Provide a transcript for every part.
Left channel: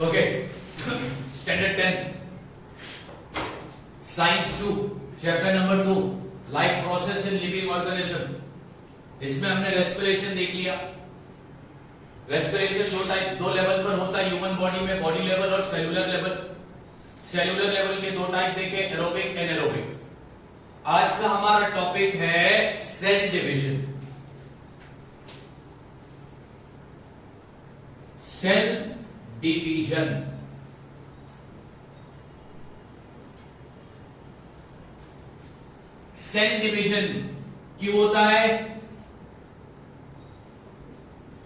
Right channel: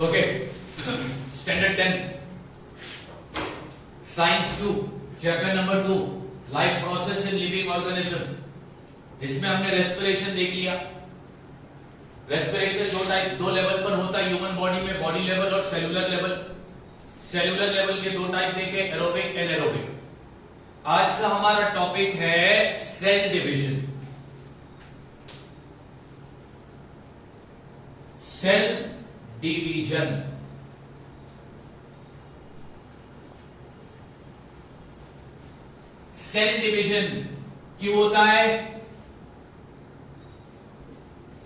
Okay, standard 10 science 2 chapter number 2 life process in living organism. इसमें हमने respiration देख लिया। रेस्पिरेशन दो लेवल पर होता है ह्यूमन बॉडी में, बॉडी लेवल और सेलुलर लेवल। सेलुलर लेवल के दो टाइप देखे, एरोबिक एनारोबिक। आज का हमारा टॉपिक है cell division. Cell division. Cell division क्यों होता है?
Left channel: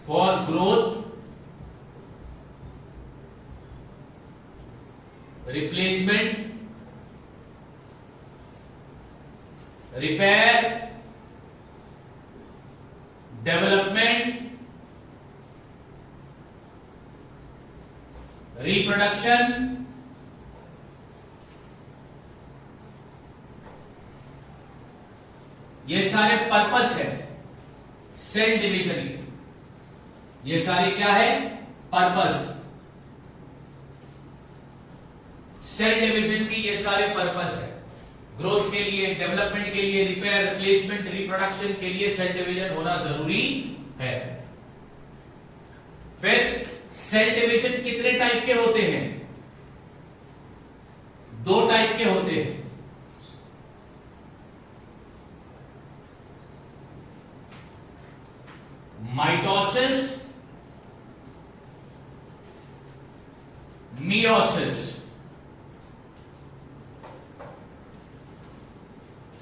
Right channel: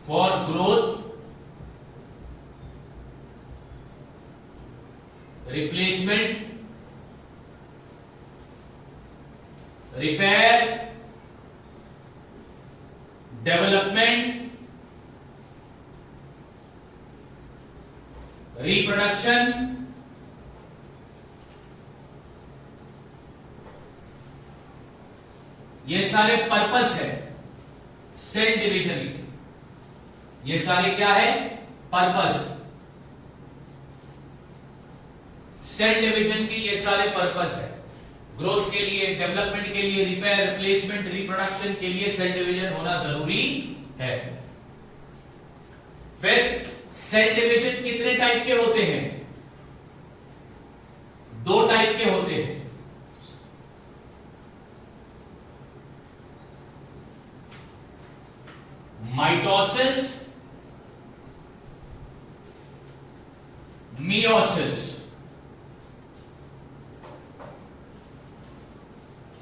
For growth, replacement, repair, development, reproduction, ये सारे पर्पस है सेल डिवीजन के। ये सारे क्या है? पर्पस। सेल डिवीजन की ये सारे पर्पस है। ग्रोथ के लिए, डेवलपमेंट के लिए, रिपेयर, रिप्लेसमेंट, रिप्रोडक्शन के लिए सेल डिवीजन होना जरूरी है। फिर सेल डिवीजन कितने टाइप के होते हैं? दो टाइप के होते हैं। Mitosis, meiosis.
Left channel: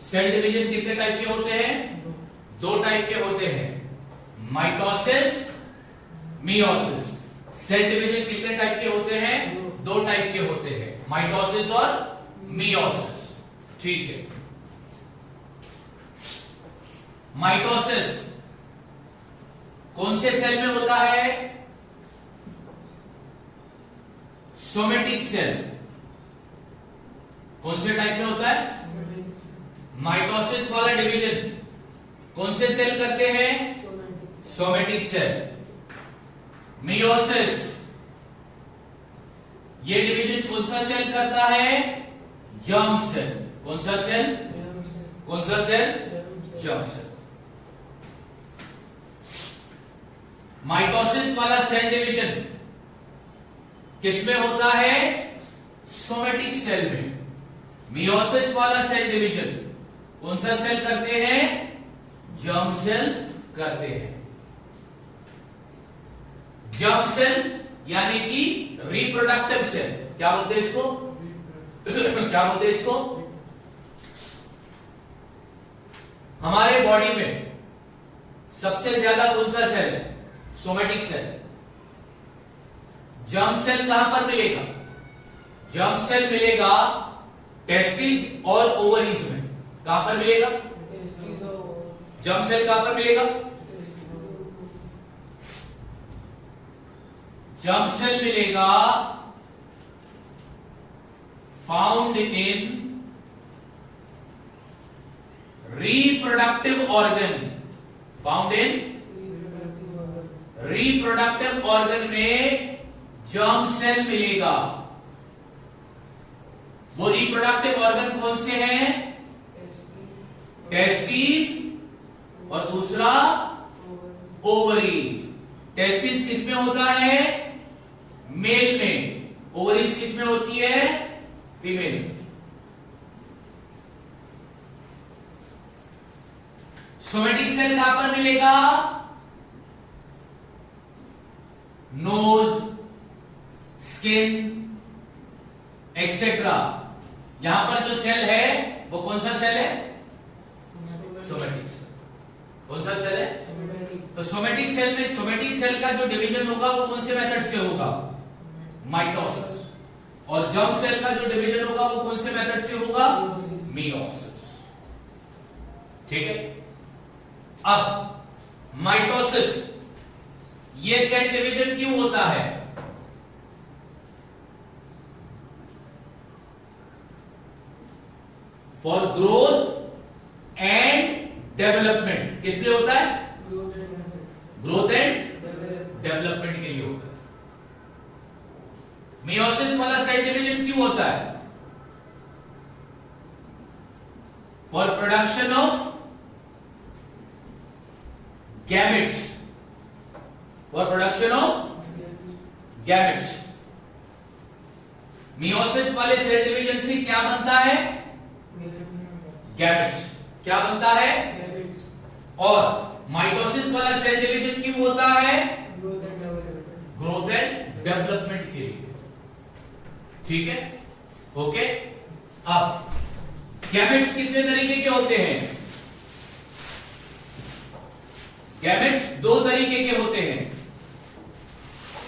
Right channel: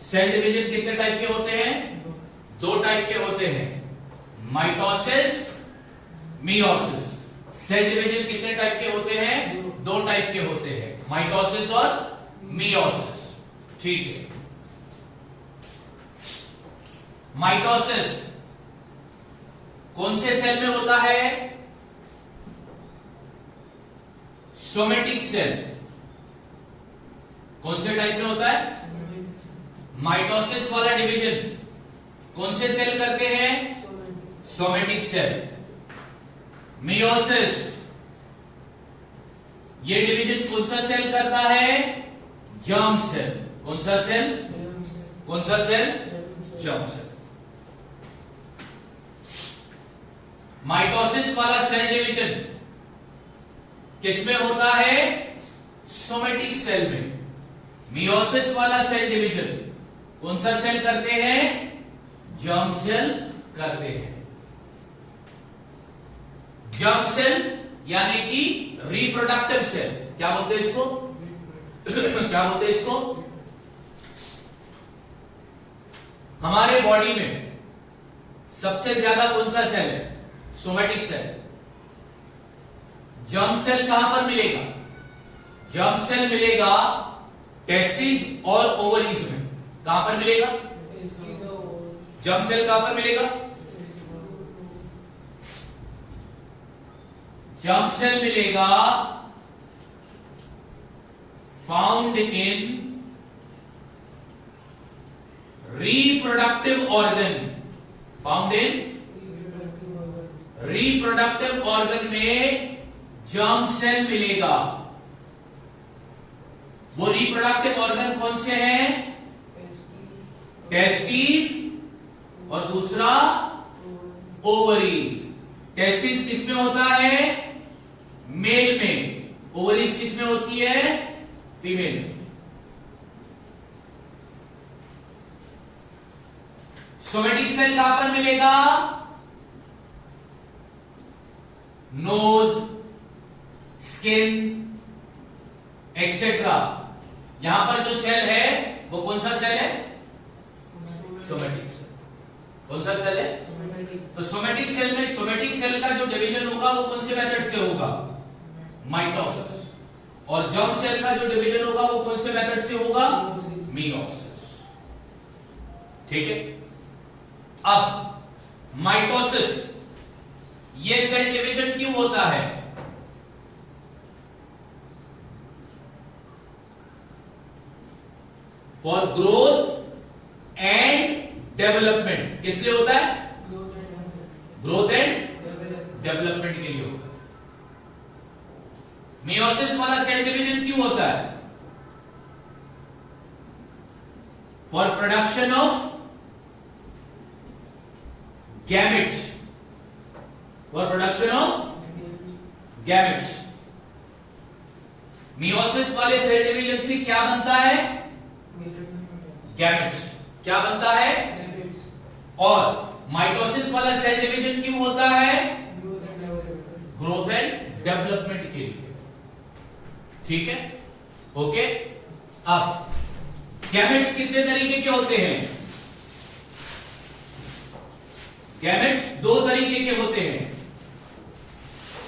सेल डिवीजन कितने टाइप के होते हैं? दो टाइप के होते हैं, माइटोसिस, मियोसिस। सेल डिवीजन कितने टाइप के होते हैं? दो टाइप के होते हैं, माइटोसिस और मियोसिस। ठीक है। माइटोसिस कौन से सेल में होता है? Somatic cell. कौन से टाइप में होता है? माइटोसिस वाला डिवीजन कौन से सेल करते हैं? Somatic cell. मियोसिस, ये डिवीजन कौन सा सेल करता है? Germ cell. कौन सा सेल? कौन सा सेल? Germ cell. माइटोसिस वाला सेल डिवीजन किसमें होता है? सोमेटिक सेल में। मियोसिस वाला सेल डिवीजन कौन सा सेल करते हैं? जर्म सेल करते हैं। जर्म सेल यानी कि रिप्रोडक्टिव सेल। क्या बोलते हैं इसको? क्या बोलते हैं इसको? हमारे बॉडी में सबसे ज्यादा कौन सा सेल है? Somatic cell. जर्म सेल कहां पर मिलेगा? जर्म सेल मिलेगा टेस्टिस और ओवरीज में। कहां पर मिलेगा? जर्म सेल कहां पर मिलेगा? जर्म सेल मिलेगा found in reproductive organ. Found in reproductive organ में जर्म सेल मिलेगा। वो रिप्रोडक्टिव ऑर्गन कौन से हैं? टेस्टिस और दूसरा ओवरीज। टेस्टिस किसमें होता है? मेल में। ओवरीज किसमें होती है? फीमेल में। सोमेटिक सेल कहां पर मिलेगा? Nose, skin etcetera. यहां पर जो सेल है वो कौन सा सेल है? Somatic cell. कौन सा सेल है? तो सोमेटिक सेल में, सोमेटिक सेल का जो डिवीजन होगा वो कौन से मेथड से होगा? माइटोसिस। और जर्म सेल का जो डिवीजन होगा वो कौन से मेथड से होगा? मियोसिस। ठीक है। अब माइटोसिस, ये सेल डिवीजन क्यों होता है? For growth and development. किस लिए होता है? ग्रोथ एंड डेवलपमेंट के लिए होता है। मियोसिस वाला सेल डिवीजन क्यों होता है? For production of gametes, for production of gametes. Meiosis वाले सेल डिवीजन से क्या बनता है? गैमेट्स। क्या बनता है? और माइटोसिस वाला सेल डिवीजन क्यों होता है? ग्रोथ एंड डेवलपमेंट के लिए। ठीक है, ओके। अब गैमेट्स कितने तरीके के होते हैं? गैमेट्स दो तरीके के होते हैं,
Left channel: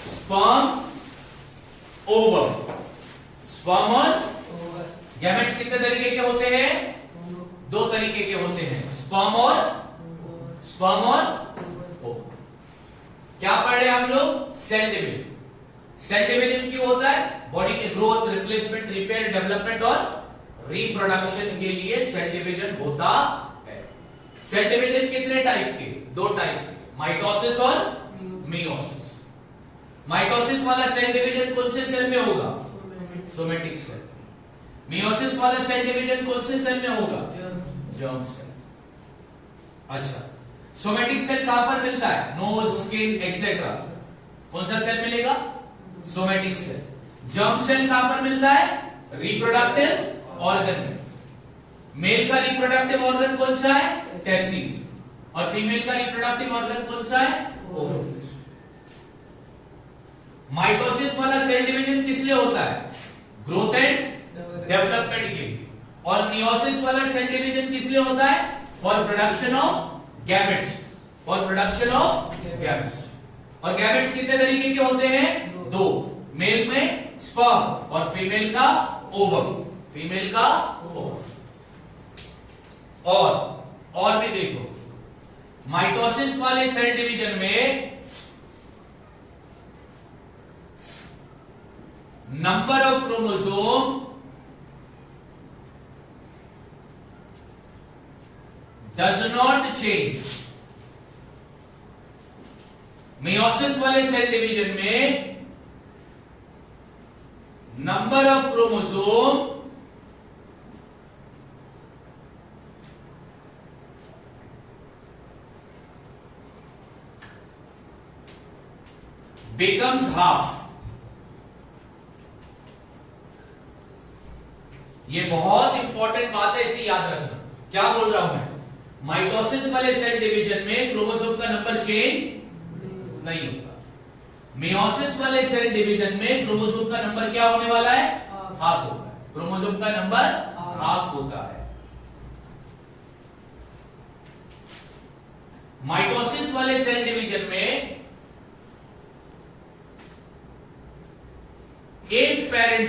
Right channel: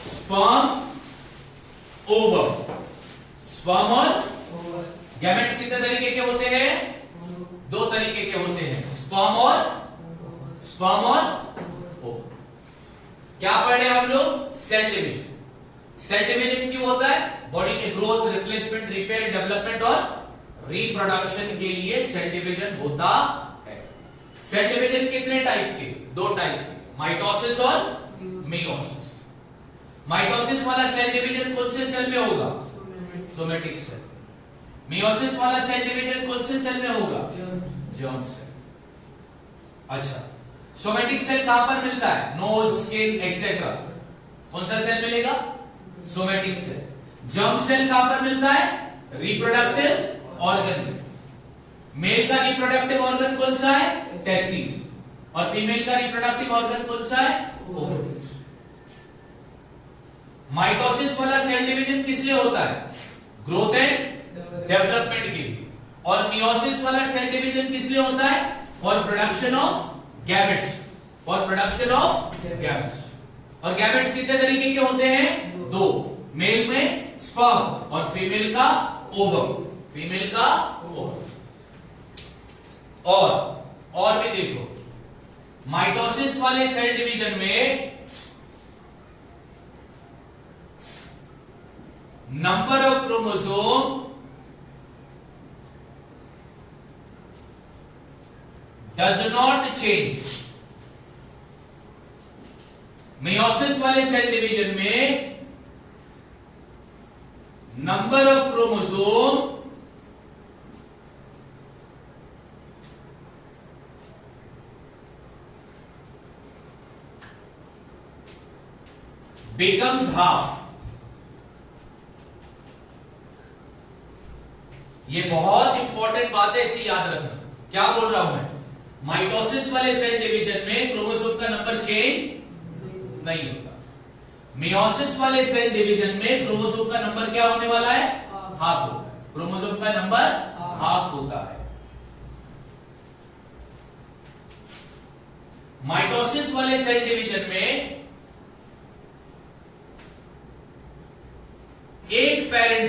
स्पर्म, ओवम। स्पर्म और गैमेट्स कितने तरीके के होते हैं? दो तरीके के होते हैं, स्पर्म और ओवम। क्या पढ़े हम लोग? Cell division. सेल डिवीजन क्यों होता है? बॉडी के ग्रोथ, रिप्लेसमेंट, रिपेयर, डेवलपमेंट और रिप्रोडक्शन के लिए सेल डिवीजन होता है। सेल डिवीजन कितने टाइप के? दो टाइप के, माइटोसिस और मियोसिस। माइटोसिस वाला सेल डिवीजन कौन से सेल में होगा? Somatic cell. मियोसिस वाला सेल डिवीजन कौन से सेल में होगा? Germ cell. अच्छा, सोमेटिक सेल कहां पर मिलता है? Nose, skin etcetera. कौन सा सेल मिलेगा? Somatic cell. जर्म सेल कहां पर मिलता है? रिप्रोडक्टिव ऑर्गन में। मेल का रिप्रोडक्टिव ऑर्गन कौन सा है? टेस्टिस। और फीमेल का रिप्रोडक्टिव ऑर्गन कौन सा है? ओवरी। माइटोसिस वाला सेल डिवीजन किस लिए होता है? ग्रोथ एंड डेवलपमेंट के लिए। और मियोसिस वाला सेल डिवीजन किस लिए होता है? For production of gametes, for production of gametes. और गैमेट्स कितने तरीके के होते हैं? दो, मेल में स्पर्म और फीमेल का ओवम। फीमेल का ओवम। और भी देखो, माइटोसिस वाले सेल डिवीजन में number of chromosome does not change। Meiosis वाले सेल डिवीजन में number of chromosome becomes half। ये बहुत इंपॉर्टेंट बात है, इसे याद रखना। क्या बोल रहा हूं मैं? माइटोसिस वाले सेल डिवीजन में क्रोमोसोम का नंबर चेंज नहीं होता। मियोसिस वाले सेल डिवीजन में क्रोमोसोम का नंबर क्या होने वाला है? हाफ होता है। क्रोमोसोम का नंबर हाफ होता है। माइटोसिस वाले सेल डिवीजन में एक पेरेंट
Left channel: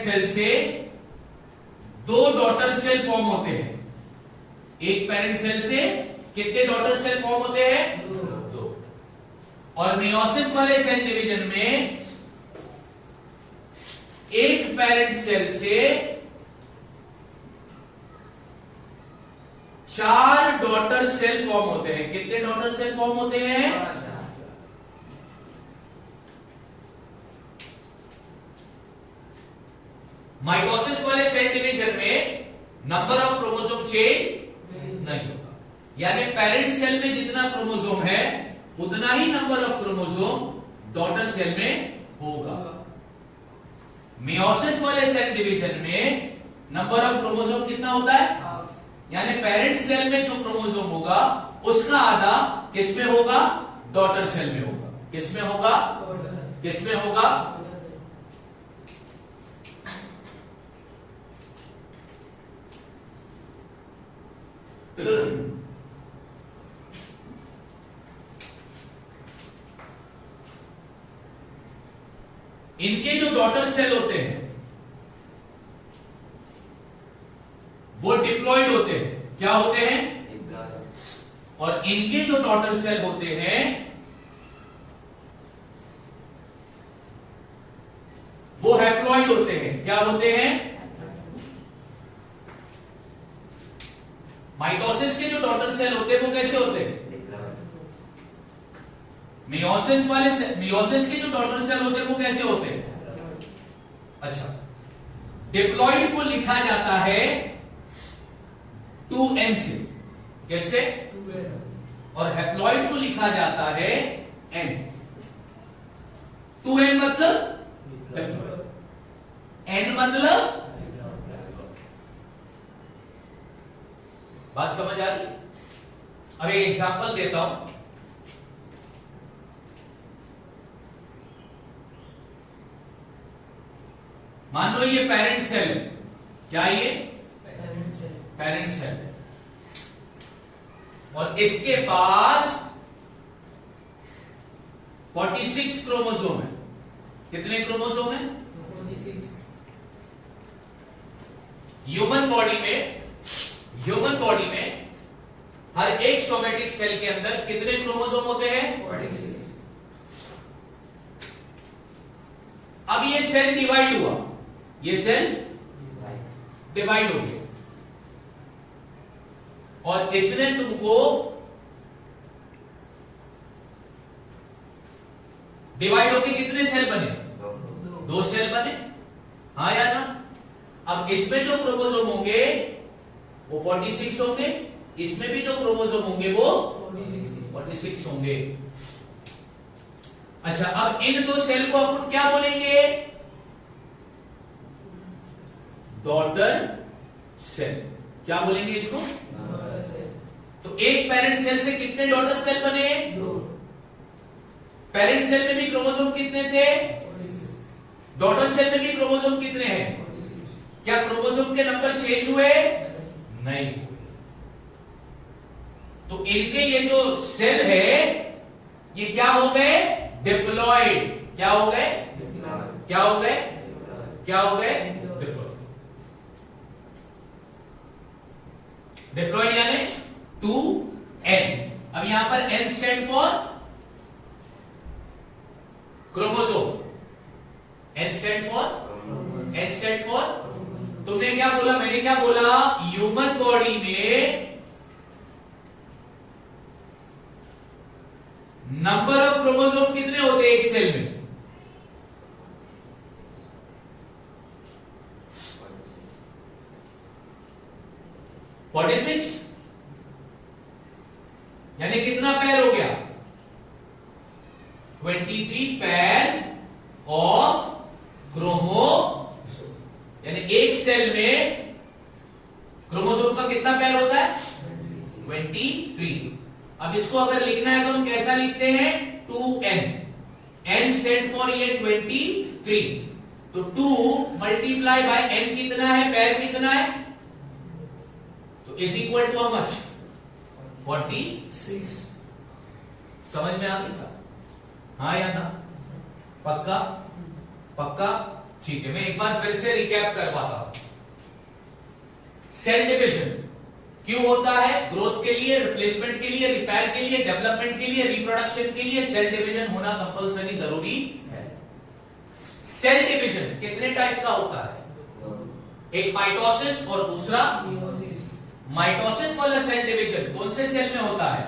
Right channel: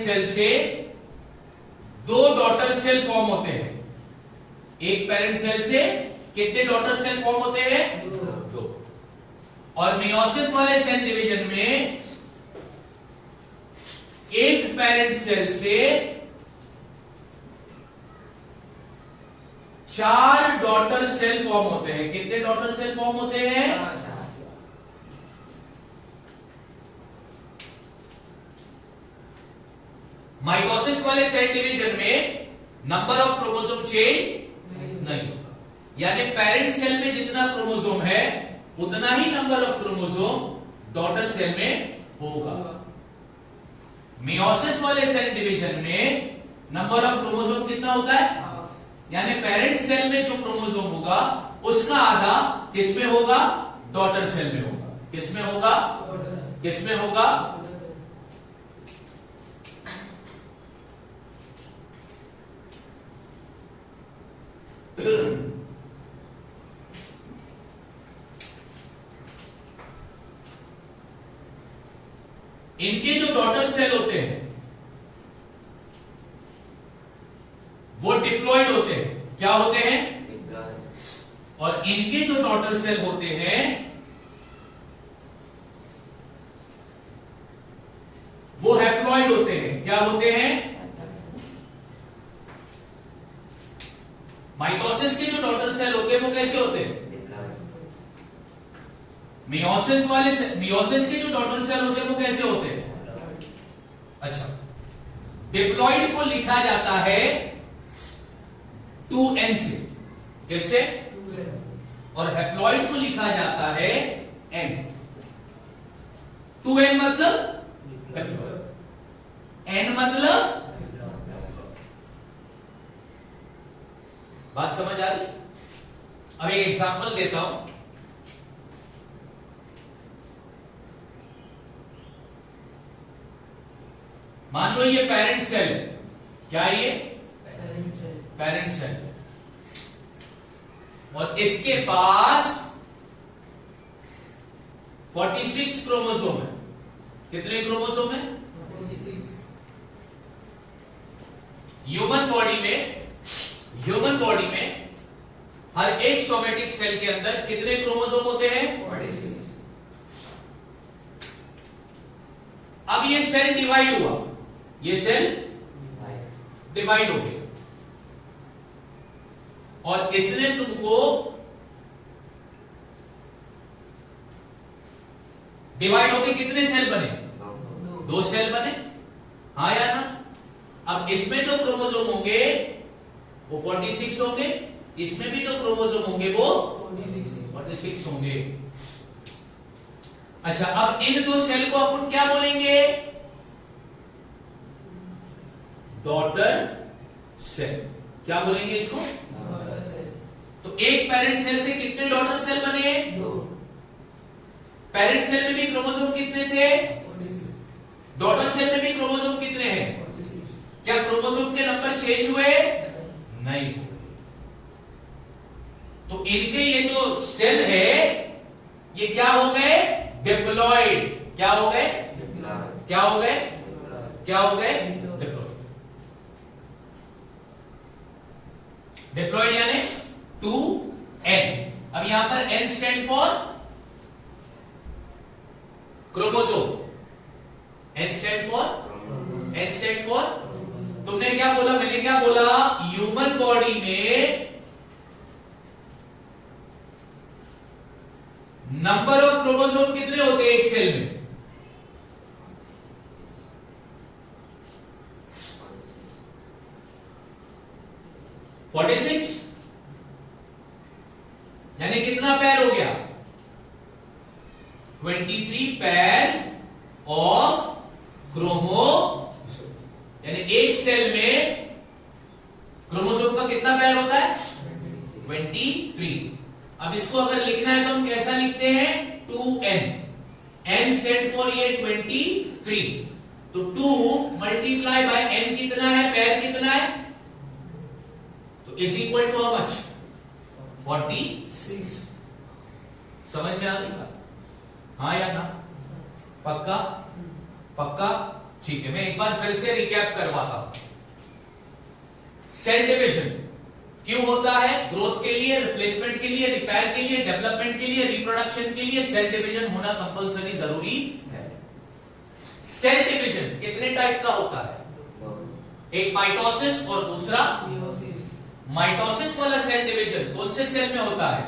सेल से दो डॉटर सेल फॉर्म होते हैं। एक पेरेंट सेल से कितने डॉटर सेल फॉर्म होते हैं? दो। और मियोसिस वाले सेल डिवीजन में एक पेरेंट सेल से 4 डॉटर सेल फॉर्म होते हैं। कितने डॉटर सेल फॉर्म होते हैं? माइटोसिस वाले सेल डिवीजन में नंबर ऑफ क्रोमोसोम चेंज नहीं होता, यानी पेरेंट सेल में जितना क्रोमोसोम है उतना ही number of chromosome daughter cell में होगा। मियोसिस वाले सेल डिवीजन में नंबर ऑफ क्रोमोसोम कितना होता है? यानी पेरेंट सेल में जो क्रोमोसोम होगा उसका आधा किसमें होगा? डॉटर सेल में होगा। किसमें होगा? किसमें होगा? इनके जो डॉटर सेल होते हैं वो डिप्लॉयड होते हैं। क्या होते हैं? और इनके जो डॉटर सेल होते हैं वो हैप्लॉयड होते हैं। क्या होते हैं? माइटोसिस के जो डॉटर सेल होते हैं वो कैसे होते हैं? मियोसिस के जो डॉटर सेल होते हैं वो कैसे होते हैं? अच्छा, डिप्लॉइड को लिखा जाता है 2n से, कैसे? और हैप्लॉइड को लिखा जाता है n। 2n मतलब n मतलब, बात समझ आ रही? अब एक एग्जांपल देता हूं। मान लो ये पेरेंट सेल है, क्या ये? पेरेंट सेल है, और इसके पास 46 क्रोमोसोम है। कितने क्रोमोसोम है? 46। ह्यूमन बॉडी में हर एक सोमेटिक सेल के अंदर कितने क्रोमोसोम होते हैं? 46। अब ये सेल डिवाइड हुआ, ये सेल डिवाइड हो गया, और इसने तुमको डिवाइड होके कितने सेल बने? 2 सेल बने, हाँ या ना? अब इसमें जो क्रोमोसोम होंगे वो 46 होंगे, इसमें भी जो क्रोमोसोम होंगे वो 46 होंगे। अच्छा, अब इन 2 सेल को अपन क्या बोलेंगे? Daughter cell. क्या बोलेंगे इसको? तो एक पेरेंट सेल से कितने डॉटर सेल बने? 2। पेरेंट सेल में भी क्रोमोसोम कितने थे? डॉटर सेल में भी क्रोमोसोम कितने हैं? क्या क्रोमोसोम के नंबर चेंज हुए? नहीं। तो इनके ये जो सेल है ये क्या हो गए? डिप्लॉइड। क्या हो गए? क्या हो गए? क्या हो गए? डिप्लॉइड यानी 2n। अब यहां पर n stand for chromosome, n stand for तुमने क्या बोला, मैंने क्या बोला? ह्यूमन बॉडी में नंबर ऑफ क्रोमोसोम कितने होते हैं एक सेल में? 46। यानी कितना पैर हो गया? 23 पैर ऑफ क्रोमोसोम। यानी एक सेल में क्रोमोसोम का कितना पैर होता है? 23। अब इसको अगर लिखना है तो हम कैसा लिखते हैं? 2n। n स्टैंड फॉर ये 23, तो 2 मल्टीप्लाई बाय n कितना है? पैर कितना है? तो is equal to how much? 46। समझ में आ गई बात? हाँ या ना? पक्का? पक्का? ठीक है, मैं एक बार फिर से रिकैप करवाता हूं। सेल डिविजन क्यों होता है? ग्रोथ के लिए, रिप्लेसमेंट के लिए, रिपेयर के लिए, डेवलपमेंट के लिए, रिप्रोडक्शन के लिए सेल डिवीजन होना कंपलसरी जरूरी है। सेल डिवीजन कितने टाइप का होता है? एक माइटोसिस और दूसरा माइटोसिस वाला सेल डिवीजन कौन से सेल में होता है?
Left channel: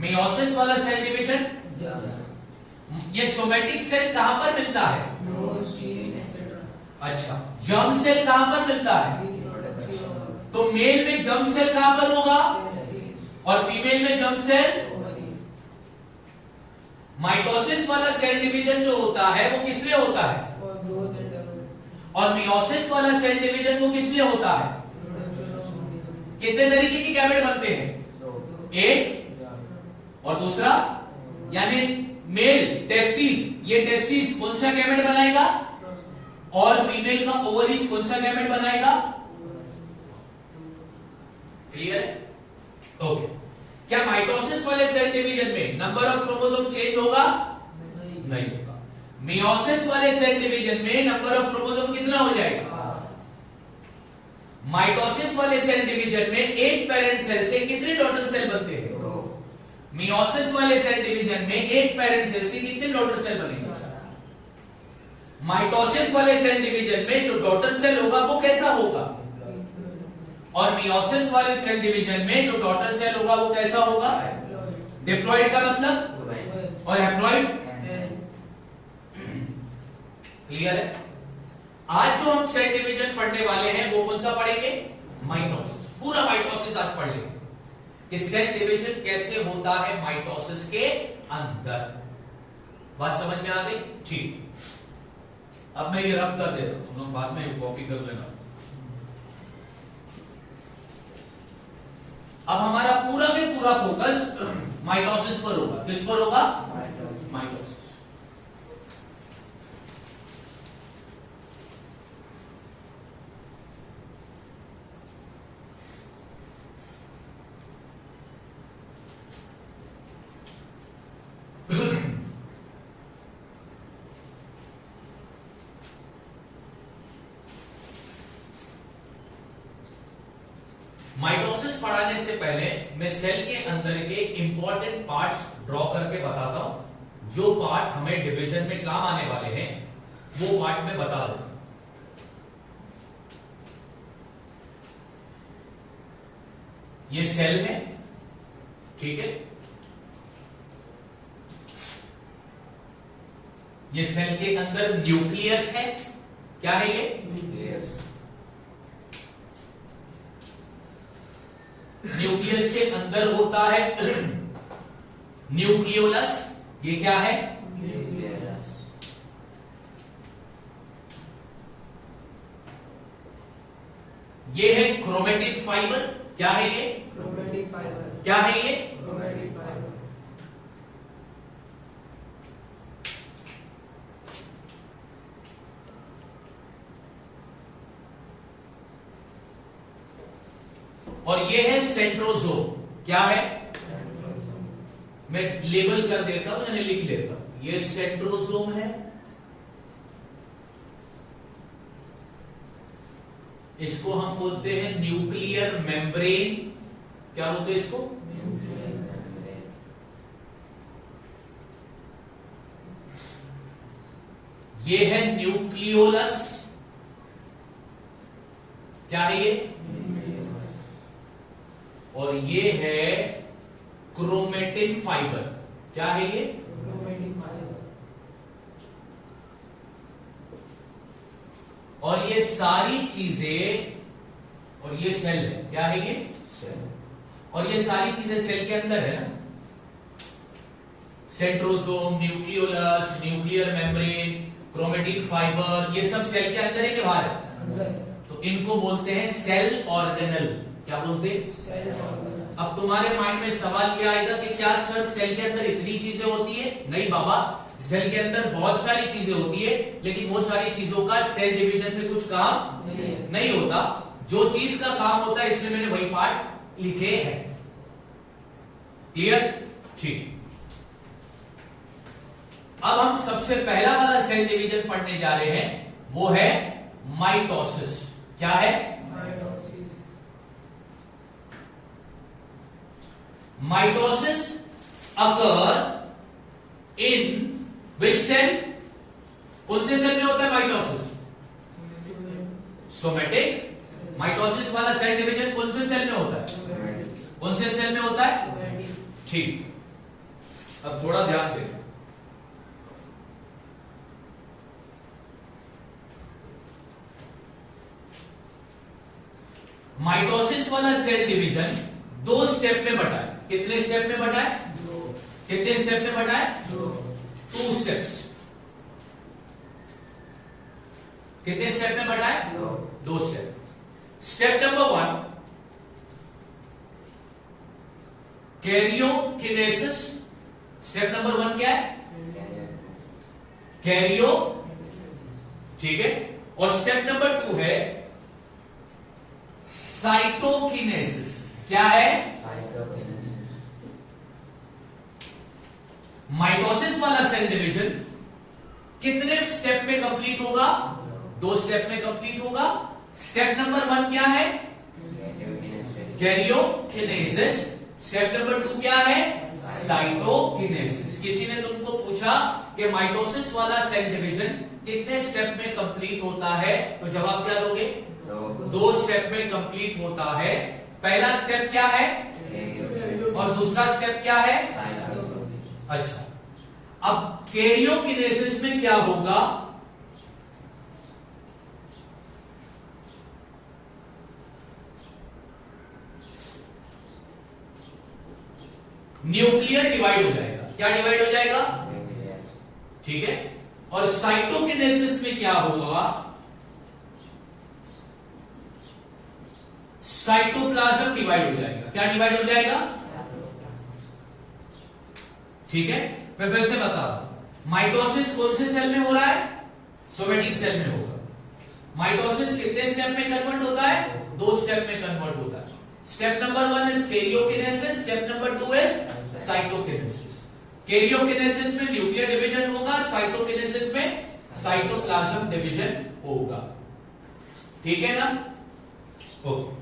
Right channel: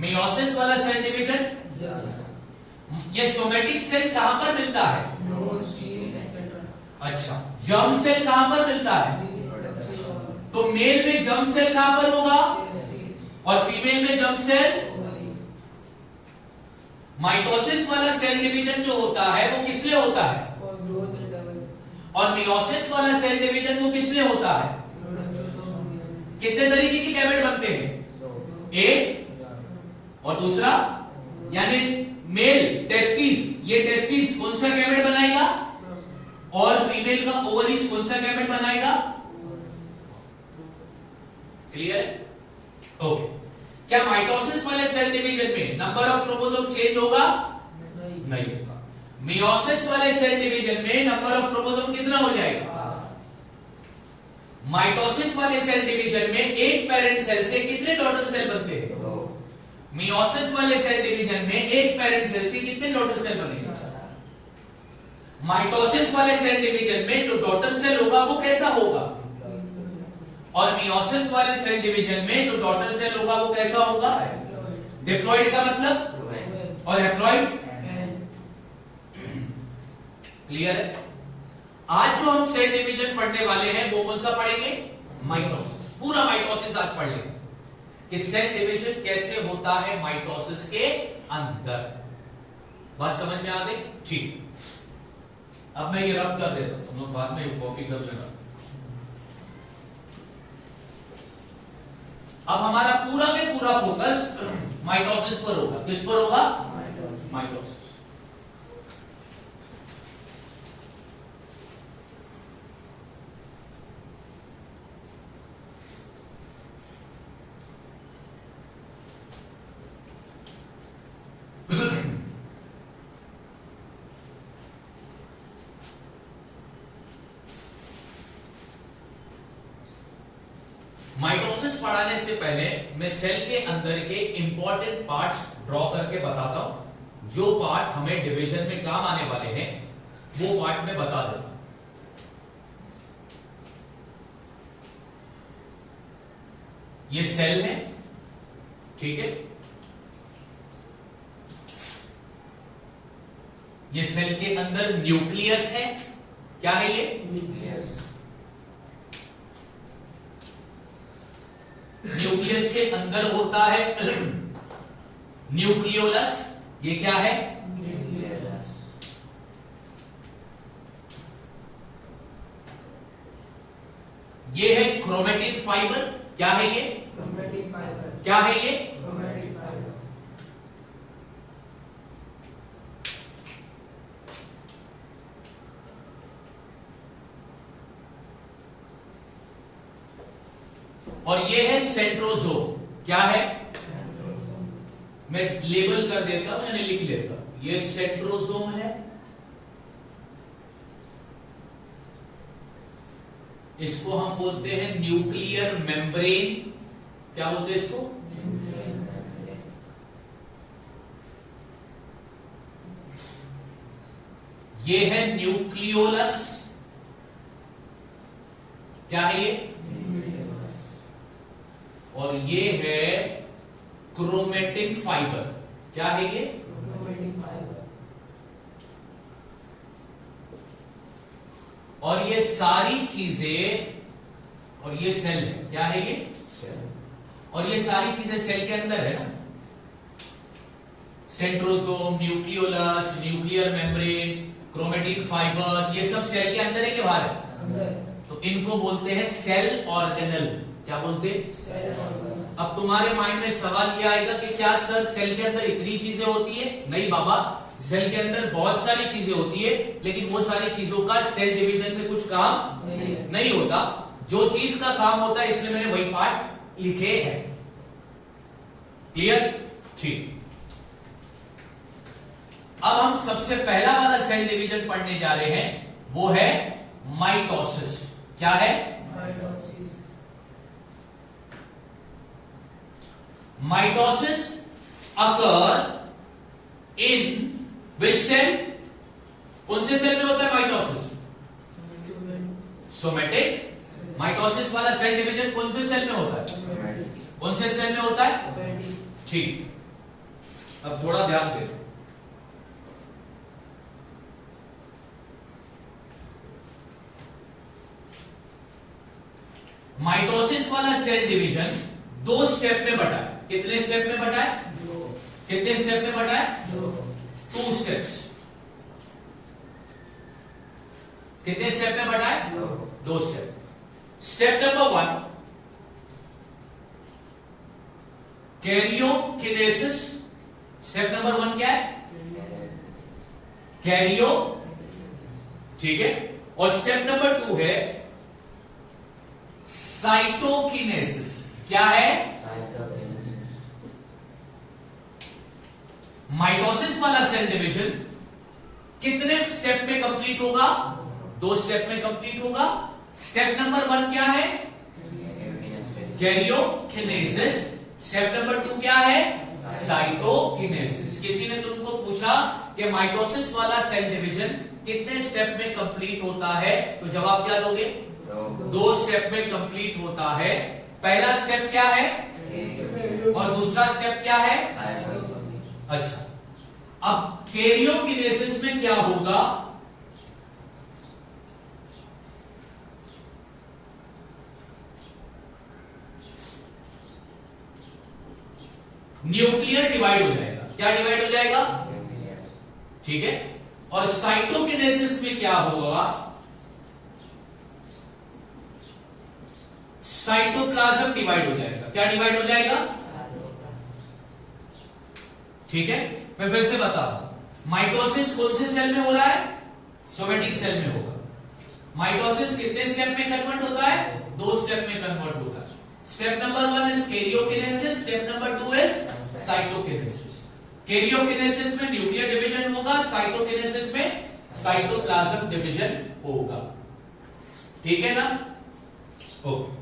मियोसिस वाला सेल डिवीजन। ये सोमेटिक सेल कहां पर मिलता है? अच्छा, जर्म सेल कहां पर मिलता है? तो मेल में जर्म सेल कहां पर होगा और फीमेल में जर्म सेल? माइटोसिस वाला सेल डिवीजन जो होता है वो किस लिए होता है? और मियोसिस वाला सेल डिवीजन वो किस लिए होता है? कितने तरीके के गैमेट बनते हैं? एक और दूसरा, यानी मेल टेस्टिस, ये टेस्टिस कौन सा गैमेट बनाएगा और फीमेल का ओवरीज कौन सा गैमेट बनाएगा? क्लियर है? ओके। क्या माइटोसिस वाले सेल डिवीजन में नंबर ऑफ क्रोमोसोम चेंज होगा? नहीं होगा। मियोसिस वाले सेल डिवीजन में नंबर ऑफ क्रोमोसोम कितना हो जाएगा? माइटोसिस वाले सेल डिवीजन में एक पेरेंट सेल से कितने डॉटर सेल बनते हैं? मियोसिस वाले सेल डिवीजन में एक पेरेंट सेल से कितने डॉटर सेल बनेंगे? माइटोसिस वाले सेल डिवीजन में जो डॉटर सेल होगा वो कैसा होगा? और मियोसिस वाले सेल डिवीजन में जो डॉटर सेल होगा वो कैसा होगा? डिप्लॉइड का मतलब, और हैप्लॉइड। क्लियर है? आज जो हम सेल डिवीजन पढ़ने वाले हैं वो कौन सा पढ़ेंगे? माइटोसिस। पूरा माइटोसिस आज पढ़ लेंगे कि सेल डिवीजन कैसे होता है माइटोसिस के अंदर। बात समझ में आ गई? ठीक। अब मैं ये रब कर देता हूं, तुम लोग बाद में कॉपी कर लेना। अब हमारा पूरा के पूरा फोकस माइटोसिस पर होगा। किस पर होगा? माइटोसिस। माइटोसिस पढ़ाने से पहले मैं सेल के अंदर के इंपॉर्टेंट पार्ट्स ड्रॉ करके बताता हूं। जो पार्ट हमें डिवीजन में काम आने वाले हैं वो पार्ट में बता दूं। ये सेल है, ठीक है। ये सेल के अंदर न्यूक्लियस है। क्या है ये? न्यूक्लियस। न्यूक्लियस के अंदर होता है न्यूक्लियोलस। ये क्या है? न्यूक्लियोलस। ये है क्रोमेटिन फाइबर। क्या है ये? Chromatin fibre. क्या है ये? Chromatin fibre. और ये है सेंट्रोजोम। क्या है? मैं लेबल कर देता हूं, यानी लिख लेता हूं। ये सेंट्रोजोम है। इसको हम बोलते हैं न्यूक्लियर मेम्ब्रेन। क्या बोलते हैं इसको? ये है न्यूक्लियोलस। क्या है ये? और ये है क्रोमेटिन फाइबर। क्या है ये? Chromatin fibre. और ये सारी चीजें, और ये सेल है। क्या है ये? सेल। और ये सारी चीजें सेल के अंदर है ना। Centrosome, nucleolus, nuclear membrane, chromatin fibre, ये सब सेल के अंदर है कि बाहर है? तो इनको बोलते हैं सेल ऑर्गेनल। क्या बोलते हैं? Cell organelle. अब तुम्हारे माइंड में सवाल ये आएगा कि क्या सर सेल के अंदर इतनी चीजें होती है? नहीं बाबा, सेल के अंदर बहुत सारी चीजें होती है, लेकिन वो सारी चीजों का सेल डिवीजन में कुछ काम नहीं होता। जो चीज का काम होता है इसलिए मैंने वही पार्ट लिखे हैं। क्लियर? ठीक। अब हम सबसे पहला वाला सेल डिवीजन पढ़ने जा रहे हैं, वो है माइटोसिस। क्या है? माइटोसिस अकर इन विच सेल? कौन से सेल में होता है माइटोसिस? सोमेटिक। माइटोसिस वाला सेल डिवीजन कौन से सेल में होता है? कौन से सेल में होता है? ठीक। अब थोड़ा ध्यान दें। माइटोसिस वाला सेल डिवीजन 2 स्टेप में बटा है। कितने स्टेप में बटा है? 2। कितने स्टेप में बटा है? 2 स्टेप्स। कितने स्टेप में बटा है? 2 step. Step number 1 karyokinesis. Step number 1 क्या है? कैरियो। ठीक है। और स्टेप नंबर 2 है साइटोकिनेसिस। क्या है? माइटोसिस वाला सेल डिवीजन कितने स्टेप में कंप्लीट होगा? 2 स्टेप में कंप्लीट होगा। स्टेप नंबर 1 क्या है? कैरियोकिनेसिस। स्टेप नंबर 2 क्या है? साइटोकिनेसिस। किसी ने तुमको पूछा कि माइटोसिस वाला सेल डिवीजन कितने स्टेप में कंप्लीट होता है, तो जवाब क्या दोगे? दो स्टेप में कंप्लीट होता है। पहला स्टेप क्या है और दूसरा स्टेप क्या है? अच्छा, अब कैरियोकिनेसिस में क्या होगा? न्यूक्लियर डिवाइड हो जाएगा। क्या डिवाइड हो जाएगा? ठीक है। और साइटोकिनेसिस में क्या होगा? साइटोप्लाज्म डिवाइड हो जाएगा। क्या डिवाइड हो जाएगा? ठीक है, मैं फिर से बता रहा हूं। माइटोसिस कौन से सेल में हो रहा है? सोमेटिक सेल में होगा। माइटोसिस कितने स्टेप में कन्वर्ट होता है? दो स्टेप में कन्वर्ट होता है। Step number 1 is karyokinesis, step number 2 is cytokinesis. Karyokinesis में न्यूक्लियर डिवीजन होगा, साइटोकिनेसिस में साइटोप्लाज्म डिवीजन होगा। ठीक है ना? ओके,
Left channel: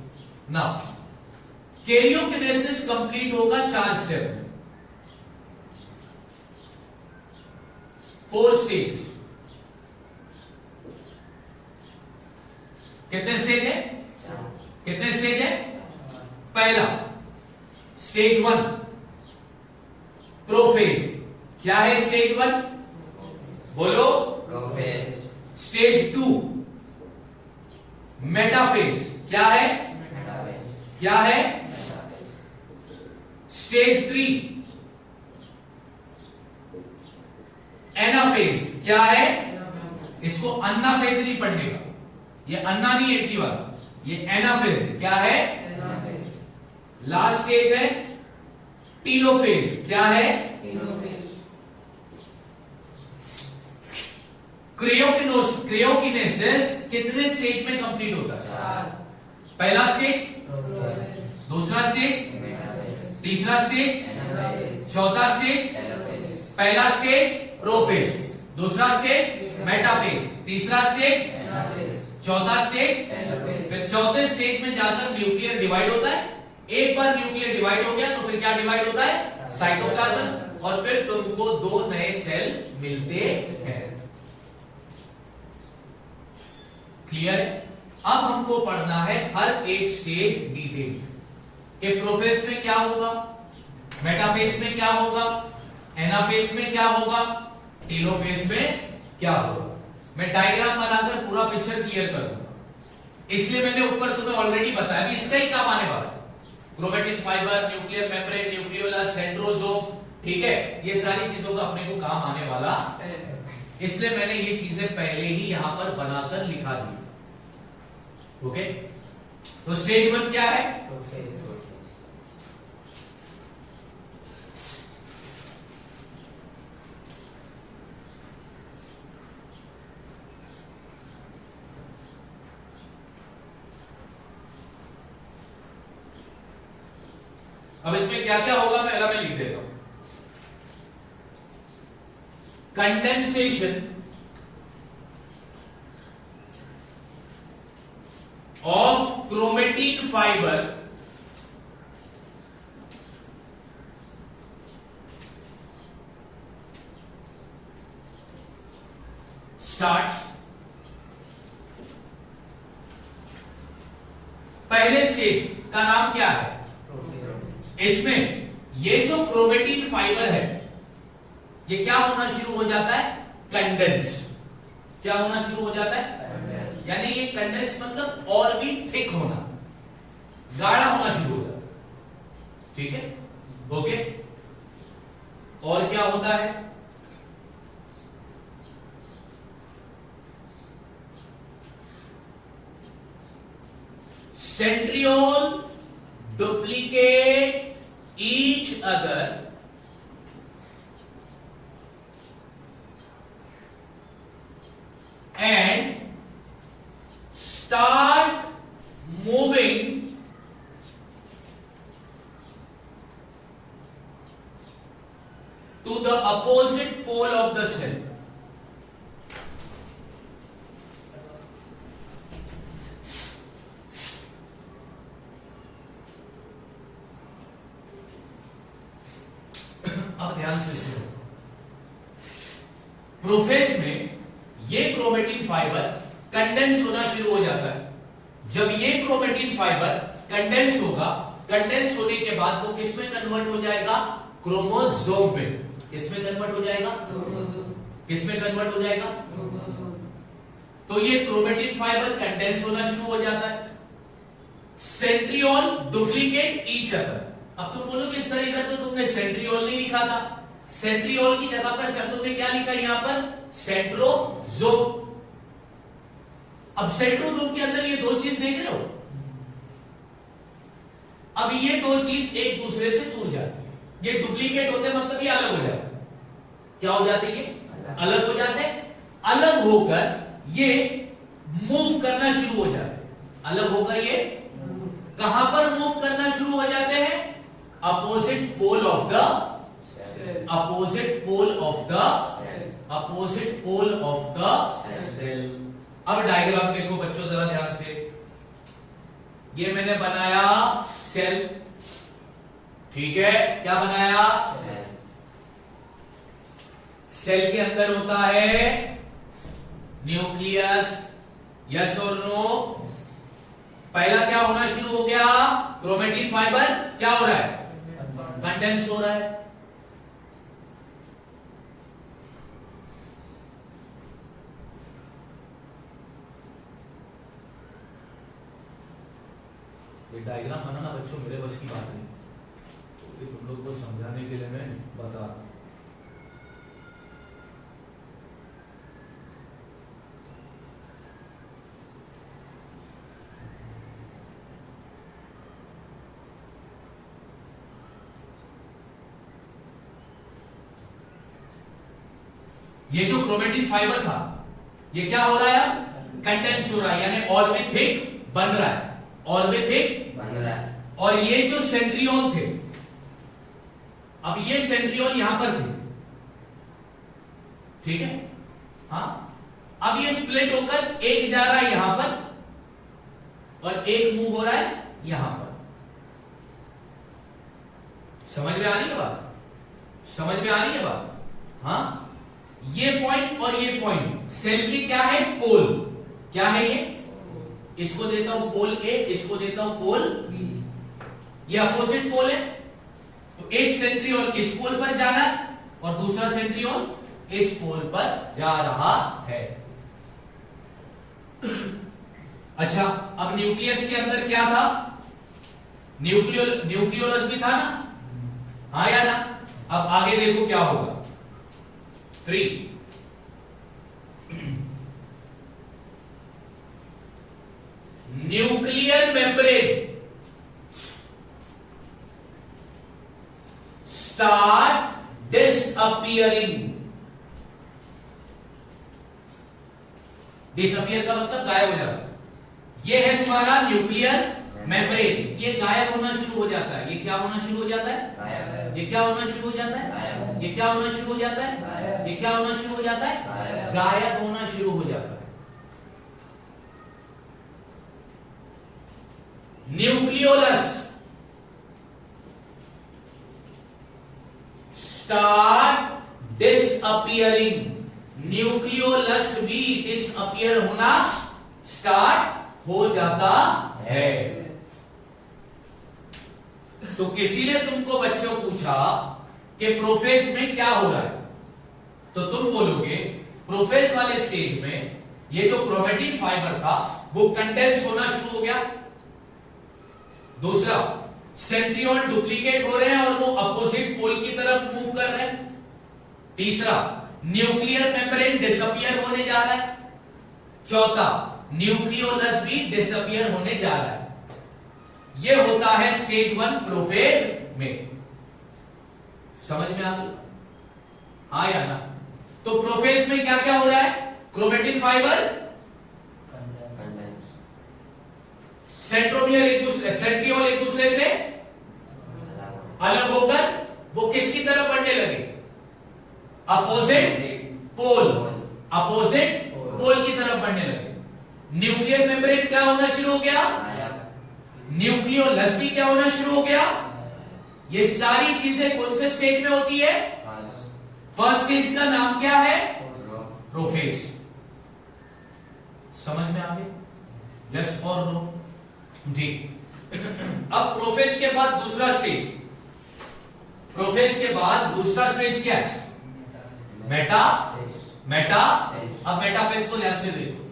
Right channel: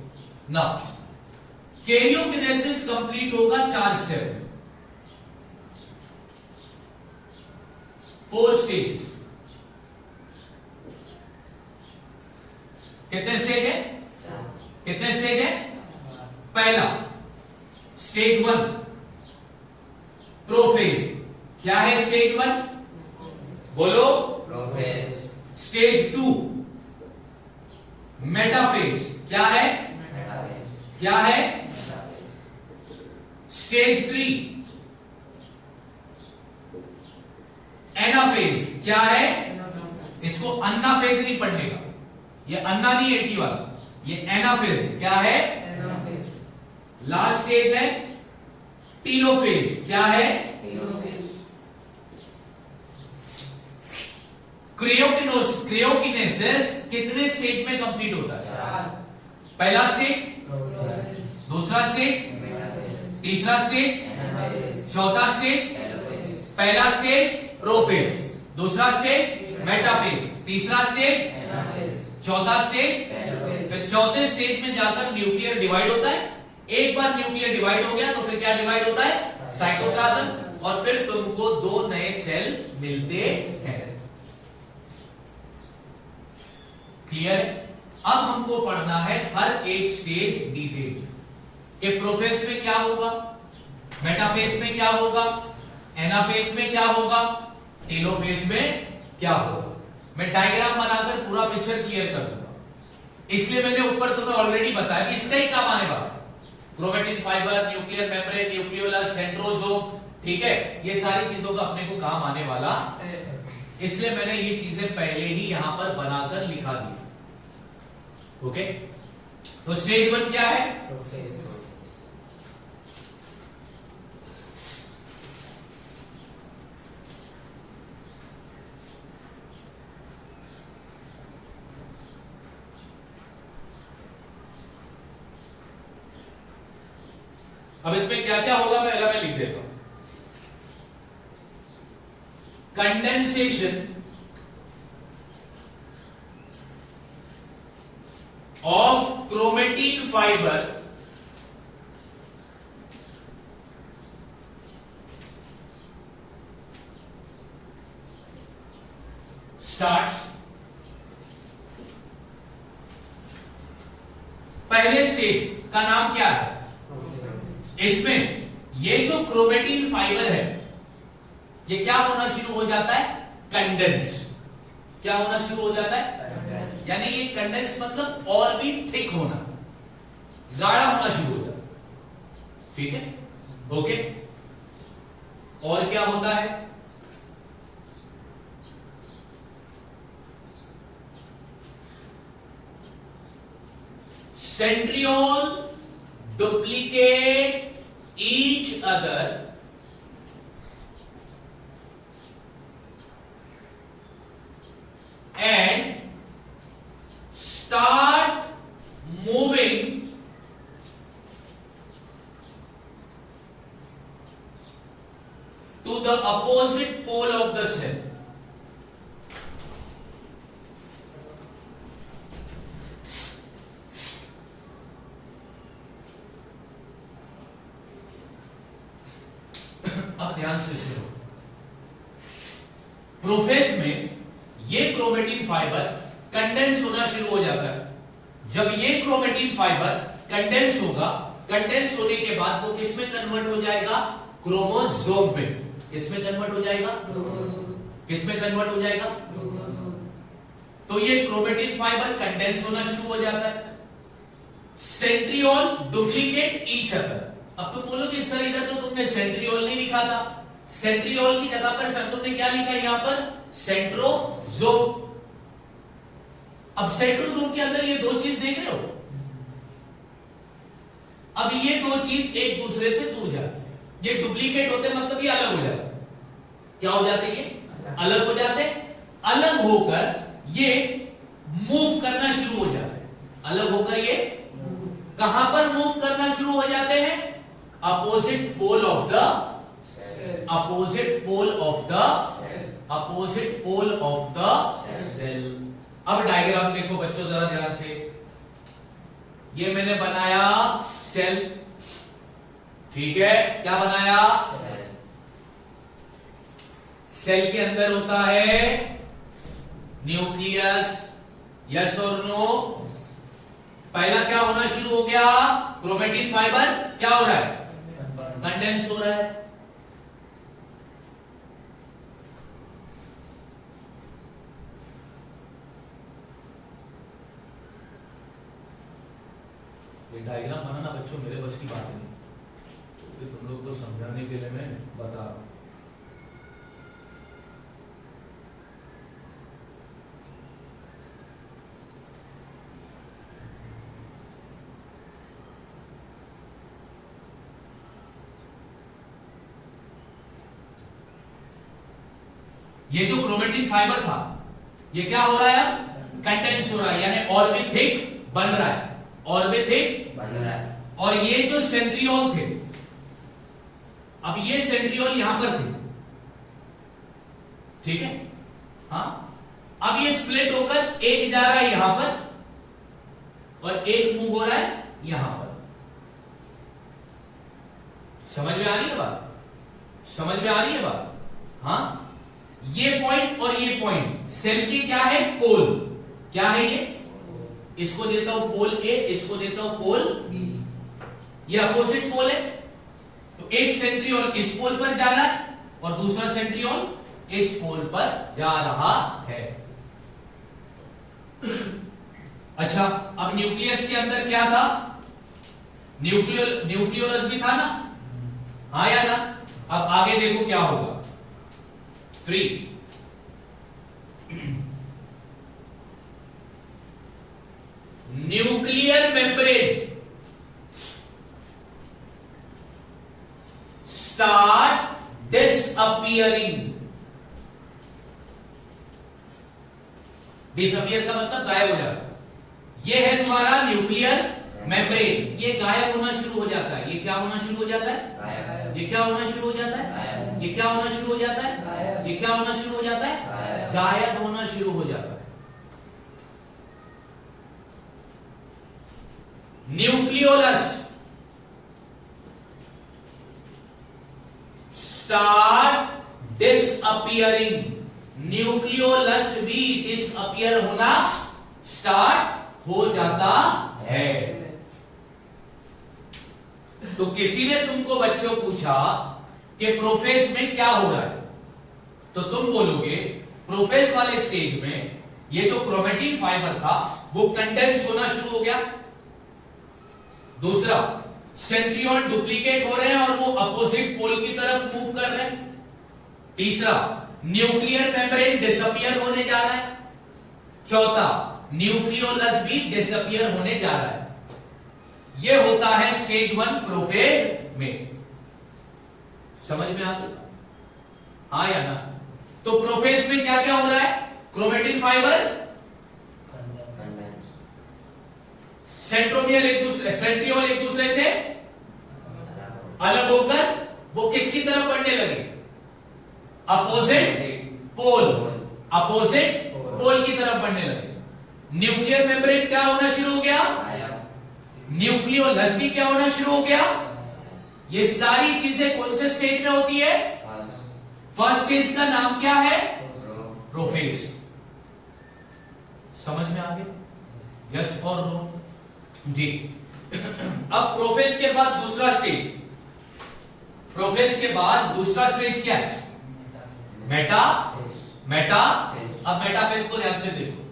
नाउ कैरियोकिनेसिस कंप्लीट होगा 4 स्टेप में, 4 स्टेजेस। कितने स्टेज है? कितने स्टेज है? पहला स्टेज 1 प्रोफेज। क्या है स्टेज 1? बोलो। प्रोफेज। Stage 2 metaphase. क्या है? क्या है? Stage 3 anaphase. क्या है? इसको अन्नाफेज नहीं पढ़ने का, ये अन्ना नहीं एटी वाला, ये एनाफेज है। क्या है? लास्ट स्टेज है टीलोफेज। क्या है? क्रियोकिनेसिस कितने स्टेज में कंप्लीट होता है? पहला स्टेज, दूसरा स्टेज, तीसरा स्टेज, चौथा स्टेज। पहला स्टेज प्रोफेज, दूसरा स्टेज मेटाफेज, तीसरा स्टेज, चौथा स्टेज। फिर चौथे स्टेज में जाकर न्यूक्लियर डिवाइड होता है। एक बार न्यूक्लियर डिवाइड हो गया तो फिर क्या डिवाइड होता है? साइटोप्लाज्म। और फिर तुमको 2 नए सेल मिलते हैं। क्लियर है? अब हमको पढ़ना है हर एक स्टेज डिटेल कि प्रोफेज में क्या होगा, मेटाफेज में क्या होगा, एनाफेज में क्या होगा, टेलोफेज में क्या होगा। मैं डायग्राम बनाकर पूरा पिक्चर क्लियर कर दूंगा। इसलिए मैंने ऊपर तुम्हें ऑलरेडी बताया कि इसका ही काम आने वाला। Chromatin fibre, nuclear membrane, nucleolus, centrosome, ठीक है, ये सारी चीजों का अपने को काम आने वाला, इसलिए मैंने ये चीजें पहले ही यहां पर बनाकर लिखा दी। ओके, तो स्टेज 1 क्या है? अब इसमें क्या क्या होगा पहला मैं लिख देता हूं। Condensation of chromatin fibre starts. पहले स्टेज का नाम क्या है? इसमें ये जो क्रोमेटिन फाइबर है ये क्या होना शुरू हो जाता है? कंडेंस। क्या होना शुरू हो जाता है? यानी ये कंडेंस मतलब और भी थिक होना, गाढ़ा होना शुरू हो जाता है। ठीक है, ओके। और क्या होता है? Centriole duplicate each other and start moving to the opposite pole of the cell. अब ध्यान से सुनो। प्रोफेज में ये क्रोमेटिन फाइबर कंडेंस होना शुरू हो जाता है। जब ये क्रोमेटिन फाइबर कंडेंस होगा, कंडेंस होने के बाद वो किस में कन्वर्ट हो जाएगा? क्रोमोसोम पे। किसमें कन्वर्ट हो जाएगा? किसमें कन्वर्ट हो जाएगा? तो ये क्रोमेटिन फाइबर कंडेंस होना शुरू हो जाता है। Centriole duplicate each other. अब तुम बोलोगे सर इधर तो तुमने सेंट्रियोल नहीं लिखा था, सेंट्रियोल की जगह पर सर तुमने क्या लिखा यहां पर? सेंट्रोजोम। अब सेंट्रोजोम के अंदर ये दो चीज देख रहे हो, अब ये दो चीज एक दूसरे से दूर जाती है, ये डुप्लीकेट होते मतलब ये अलग हो जाते हैं। क्या हो जाते? ये अलग हो जाते, अलग होकर ये मूव करना शुरू हो जाते हैं। अलग होकर ये कहां पर मूव करना शुरू हो जाते हैं? Opposite pole of the, opposite pole of the, opposite pole of the cell. अब डायग्राम देखो बच्चों जरा ध्यान से, ये मैंने बनाया सेल, ठीक है, क्या बनाया? सेल के अंदर होता है न्यूक्लियस, यस और नो? पहला क्या होना शुरू हो गया? क्रोमेटिन फाइबर क्या हो रहा है? कंडेंस हो रहा है। ये डायग्राम बनाना बच्चों मेरे बस की बात नहीं, तो तुम लोग को समझाने के लिए मैं बता रहा हूं। ये जो क्रोमेटिन फाइबर था ये क्या हो रहा है? कंडेंस हो रहा है, यानी और भी थिक बन रहा है, और भी थिक बन रहा है। और ये जो सेंट्रियोल थे, अब ये सेंट्रियोल यहां पर थे, ठीक है, हाँ, अब ये स्प्लिट होकर एक जा रहा है यहां पर और एक मूव हो रहा है यहां पर। समझ में आ रही है बात? समझ में आ रही है बात? हाँ, ये पॉइंट और ये पॉइंट सेल की क्या है? पोल। क्या है ये? इसको देता हूं पोल ए, इसको देता हूं पोल बी। ये अपोजिट पोल है, तो एक सेंट्रियोल इस पोल पर जा रहा है और दूसरा सेंट्रियोल इस पोल पर जा रहा है। अच्छा, अब न्यूक्लियस के अंदर क्या था? न्यूक्लियोलस भी था ना? हाँ या ना? अब आगे देखो क्या होगा। 3 nuclear membrane start disappearing. Disappear का मतलब गायब हो जाना। ये है तुम्हारा न्यूक्लियर मेम्ब्रेन, ये गायब होना शुरू हो जाता है। ये क्या होना शुरू हो जाता है? ये क्या होना शुरू हो जाता है? ये क्या होना शुरू हो जाता है? ये क्या होना शुरू हो जाता है? गायब होना शुरू हो जाता है। Nucleolus start disappearing. न्यूक्लियोलस भी डिसअपियर होना स्टार्ट हो जाता है। तो किसी ने तुमको बच्चों पूछा कि प्रोफेज में क्या हो रहा है, तो तुम बोलोगे प्रोफेज वाले स्टेज में ये जो क्रोमेटिन फाइबर था वो कंडेंस होना शुरू हो गया। दूसरा, सेंट्रियोल डुप्लीकेट हो रहे हैं और वो अपोजिट पोल की तरफ मूव कर रहे हैं। तीसरा, न्यूक्लियर मेम्ब्रेन डिसअपियर होने जा रहा है। चौथा, न्यूक्लियोलस भी डिसअपियर होने जा रहा है। ये होता है स्टेज 1 प्रोफेज में। समझ में आ गई? हाँ या ना? तो प्रोफेज में क्या क्या हो रहा है? क्रोमेटिन फाइबर, सेंट्रोमियर सेंट्रियोल एक दूसरे से अलग होकर वो किसकी तरफ बढ़ने लगे? अपोजिट पोल, अपोजिट पोल की तरफ बढ़ने लगे। न्यूक्लियर मेम्ब्रेन क्या होना शुरू हो गया? न्यूक्लियोलस भी क्या होना शुरू हो गया? ये सारी चीजें कौन से स्टेज में होती है? फर्स्ट स्टेज का नाम क्या है? प्रोफेज। समझ में आ गया? यस और नो? जी। अब प्रोफेज के बाद दूसरा स्टेज, प्रोफेज के बाद दूसरा स्टेज क्या है? मेटा मेटा अब मेटाफेज को ध्यान से देखो।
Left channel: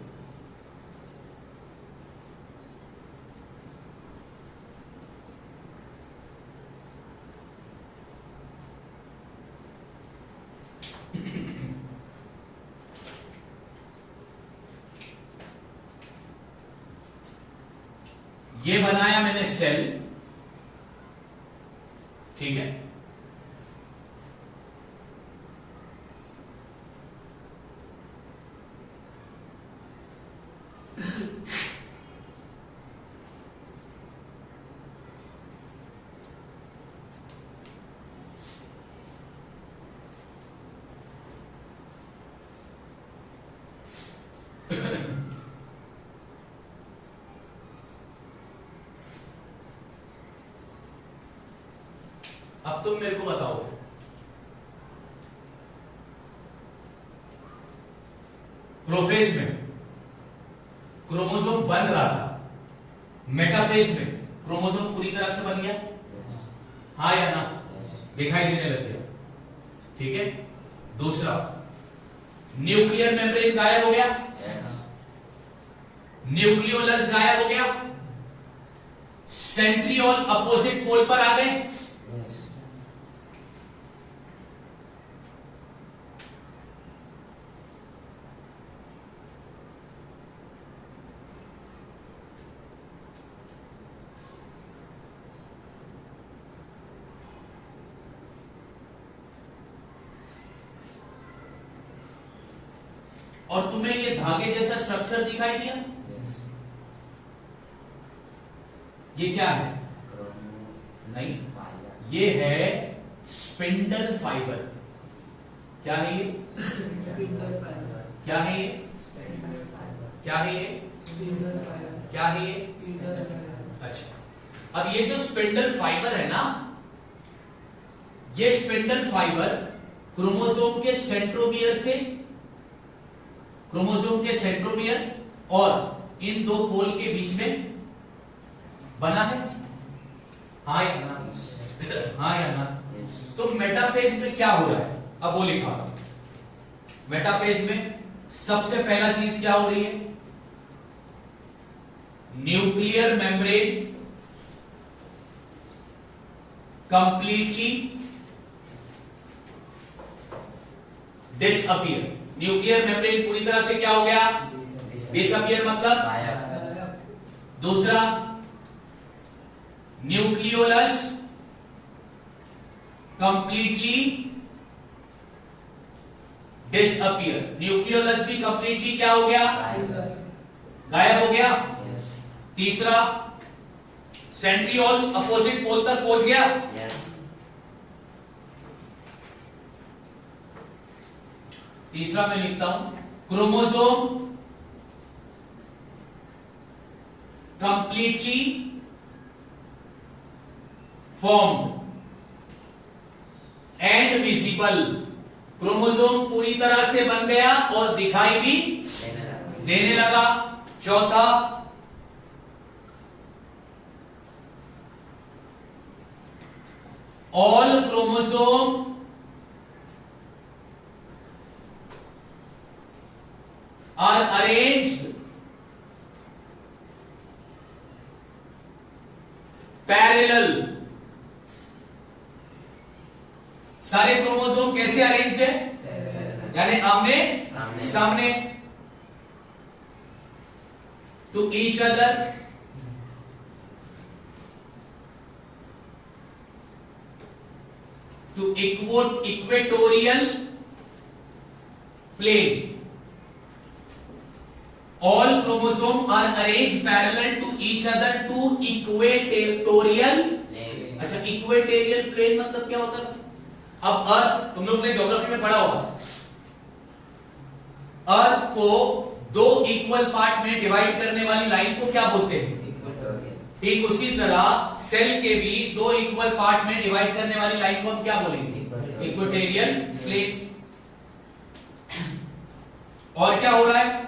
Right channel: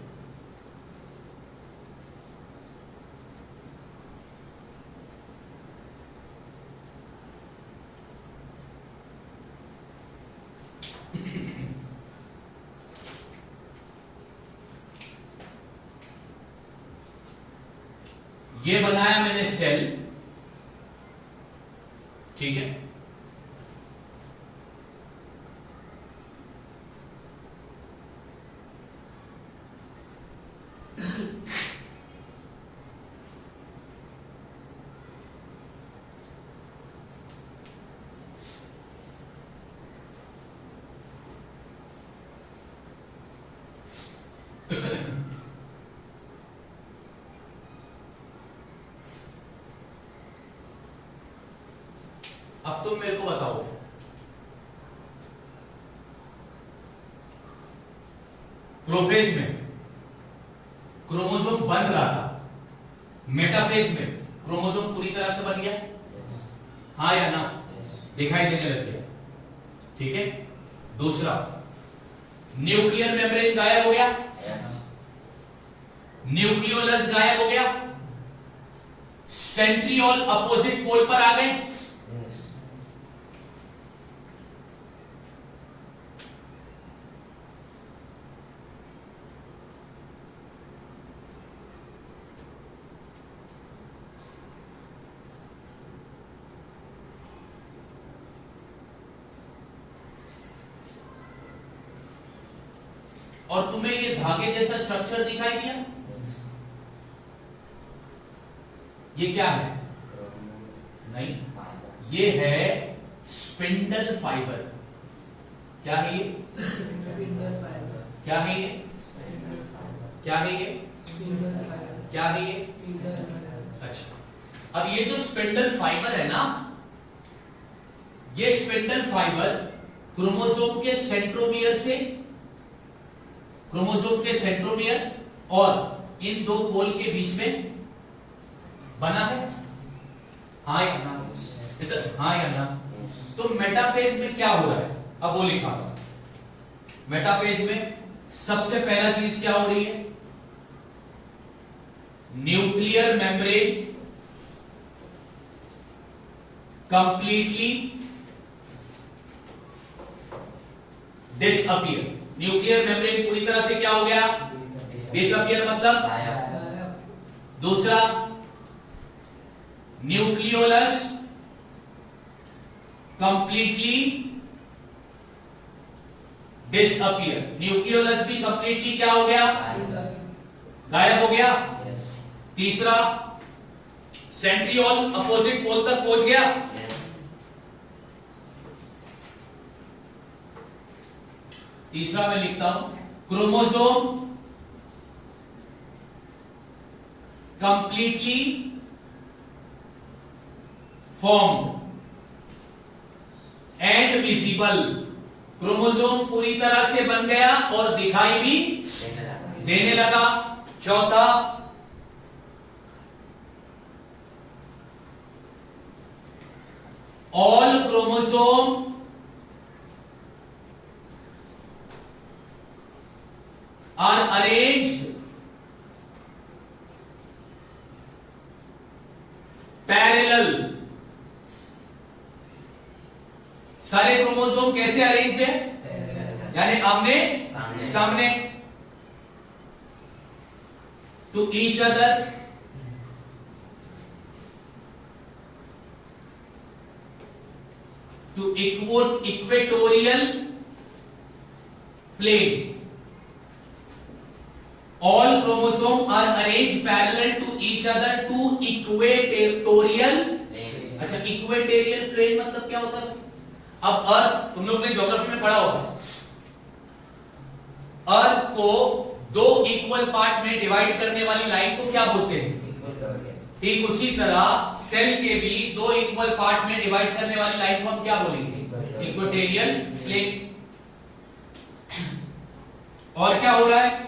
ये बनाया मैंने सेल, ठीक है। अब तुम मेरे को बताओ, प्रोफेज में क्रोमोसोम बन रहा था, मेटाफेज में क्रोमोसोम पूरी तरह से बन गया, हाँ या ना? दिखाई देने लग गया, ठीक है। दूसरा, न्यूक्लियर मेम्ब्रेन गायब हो गया, न्यूक्लियोलस गायब हो गया, सेंट्रियोल अपोजिट पोल पर आ गए, और तुम्हें ये धागे जैसा स्ट्रक्चर दिखाई दिया, ये क्या है? नहीं, ये है स्पिंडल फाइबर। क्या है ये? क्या है ये? क्या है ये? क्या है ये? अच्छा, अब ये जो स्पिंडल फाइबर है ना, ये स्पिंडल फाइबर क्रोमोसोम के सेंट्रोमियर से, क्रोमोसोम के सेंट्रोमियर और इन दो पोल के बीच में बना है, हाँ या ना? हाँ या ना? तो मेटाफेज में क्या हो रहा है? अब वो लिखा, मेटाफेज में सबसे पहला चीज क्या हो रही है? Nuclear membrane completely disappear. Nuclear membrane पूरी तरह से क्या हो गया? डिसअपियर मतलब। दूसरा, न्यूक्लियोलस कंप्लीटली डिसअपियर। न्यूक्लियोलस भी कंप्लीटली क्या हो गया? गायब हो गया। तीसरा, सेंट्रियोल अपोजिट पोल तक पहुंच गया। तीसरा मैं लिखता हूं, chromosome completely formed and visible. Chromosome पूरी तरह से बन गया और दिखाई भी देने लगा। चौथा, all chromosome are arranged parallel। सारे क्रोमोसोम कैसे अरेंज है? यानी आमने सामने, to each other, to equatorial plane. All chromosome are arranged parallel to each other to equatorial। अच्छा, इक्वेटोरियल प्लेन मतलब क्या होता है? अब अर्थ, तुम लोग ने ज्योग्राफी में पढ़ा होगा, अर्थ को दो इक्वल पार्ट में डिवाइड करने वाली लाइन को क्या बोलते हैं? ठीक उसी तरह सेल के भी दो इक्वल पार्ट में डिवाइड करने वाली लाइन को हम क्या बोलेंगे? Equatorial plane. और क्या हो रहा है?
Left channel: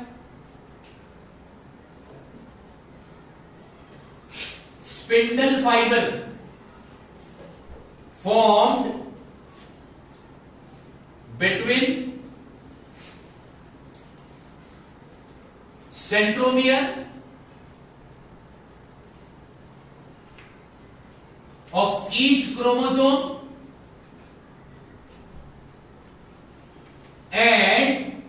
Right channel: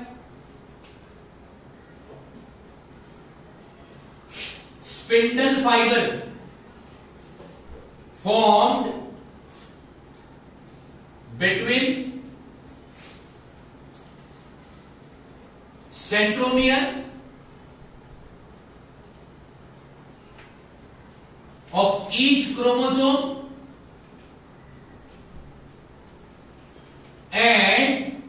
Spindle fibre formed between centromere of each chromosome and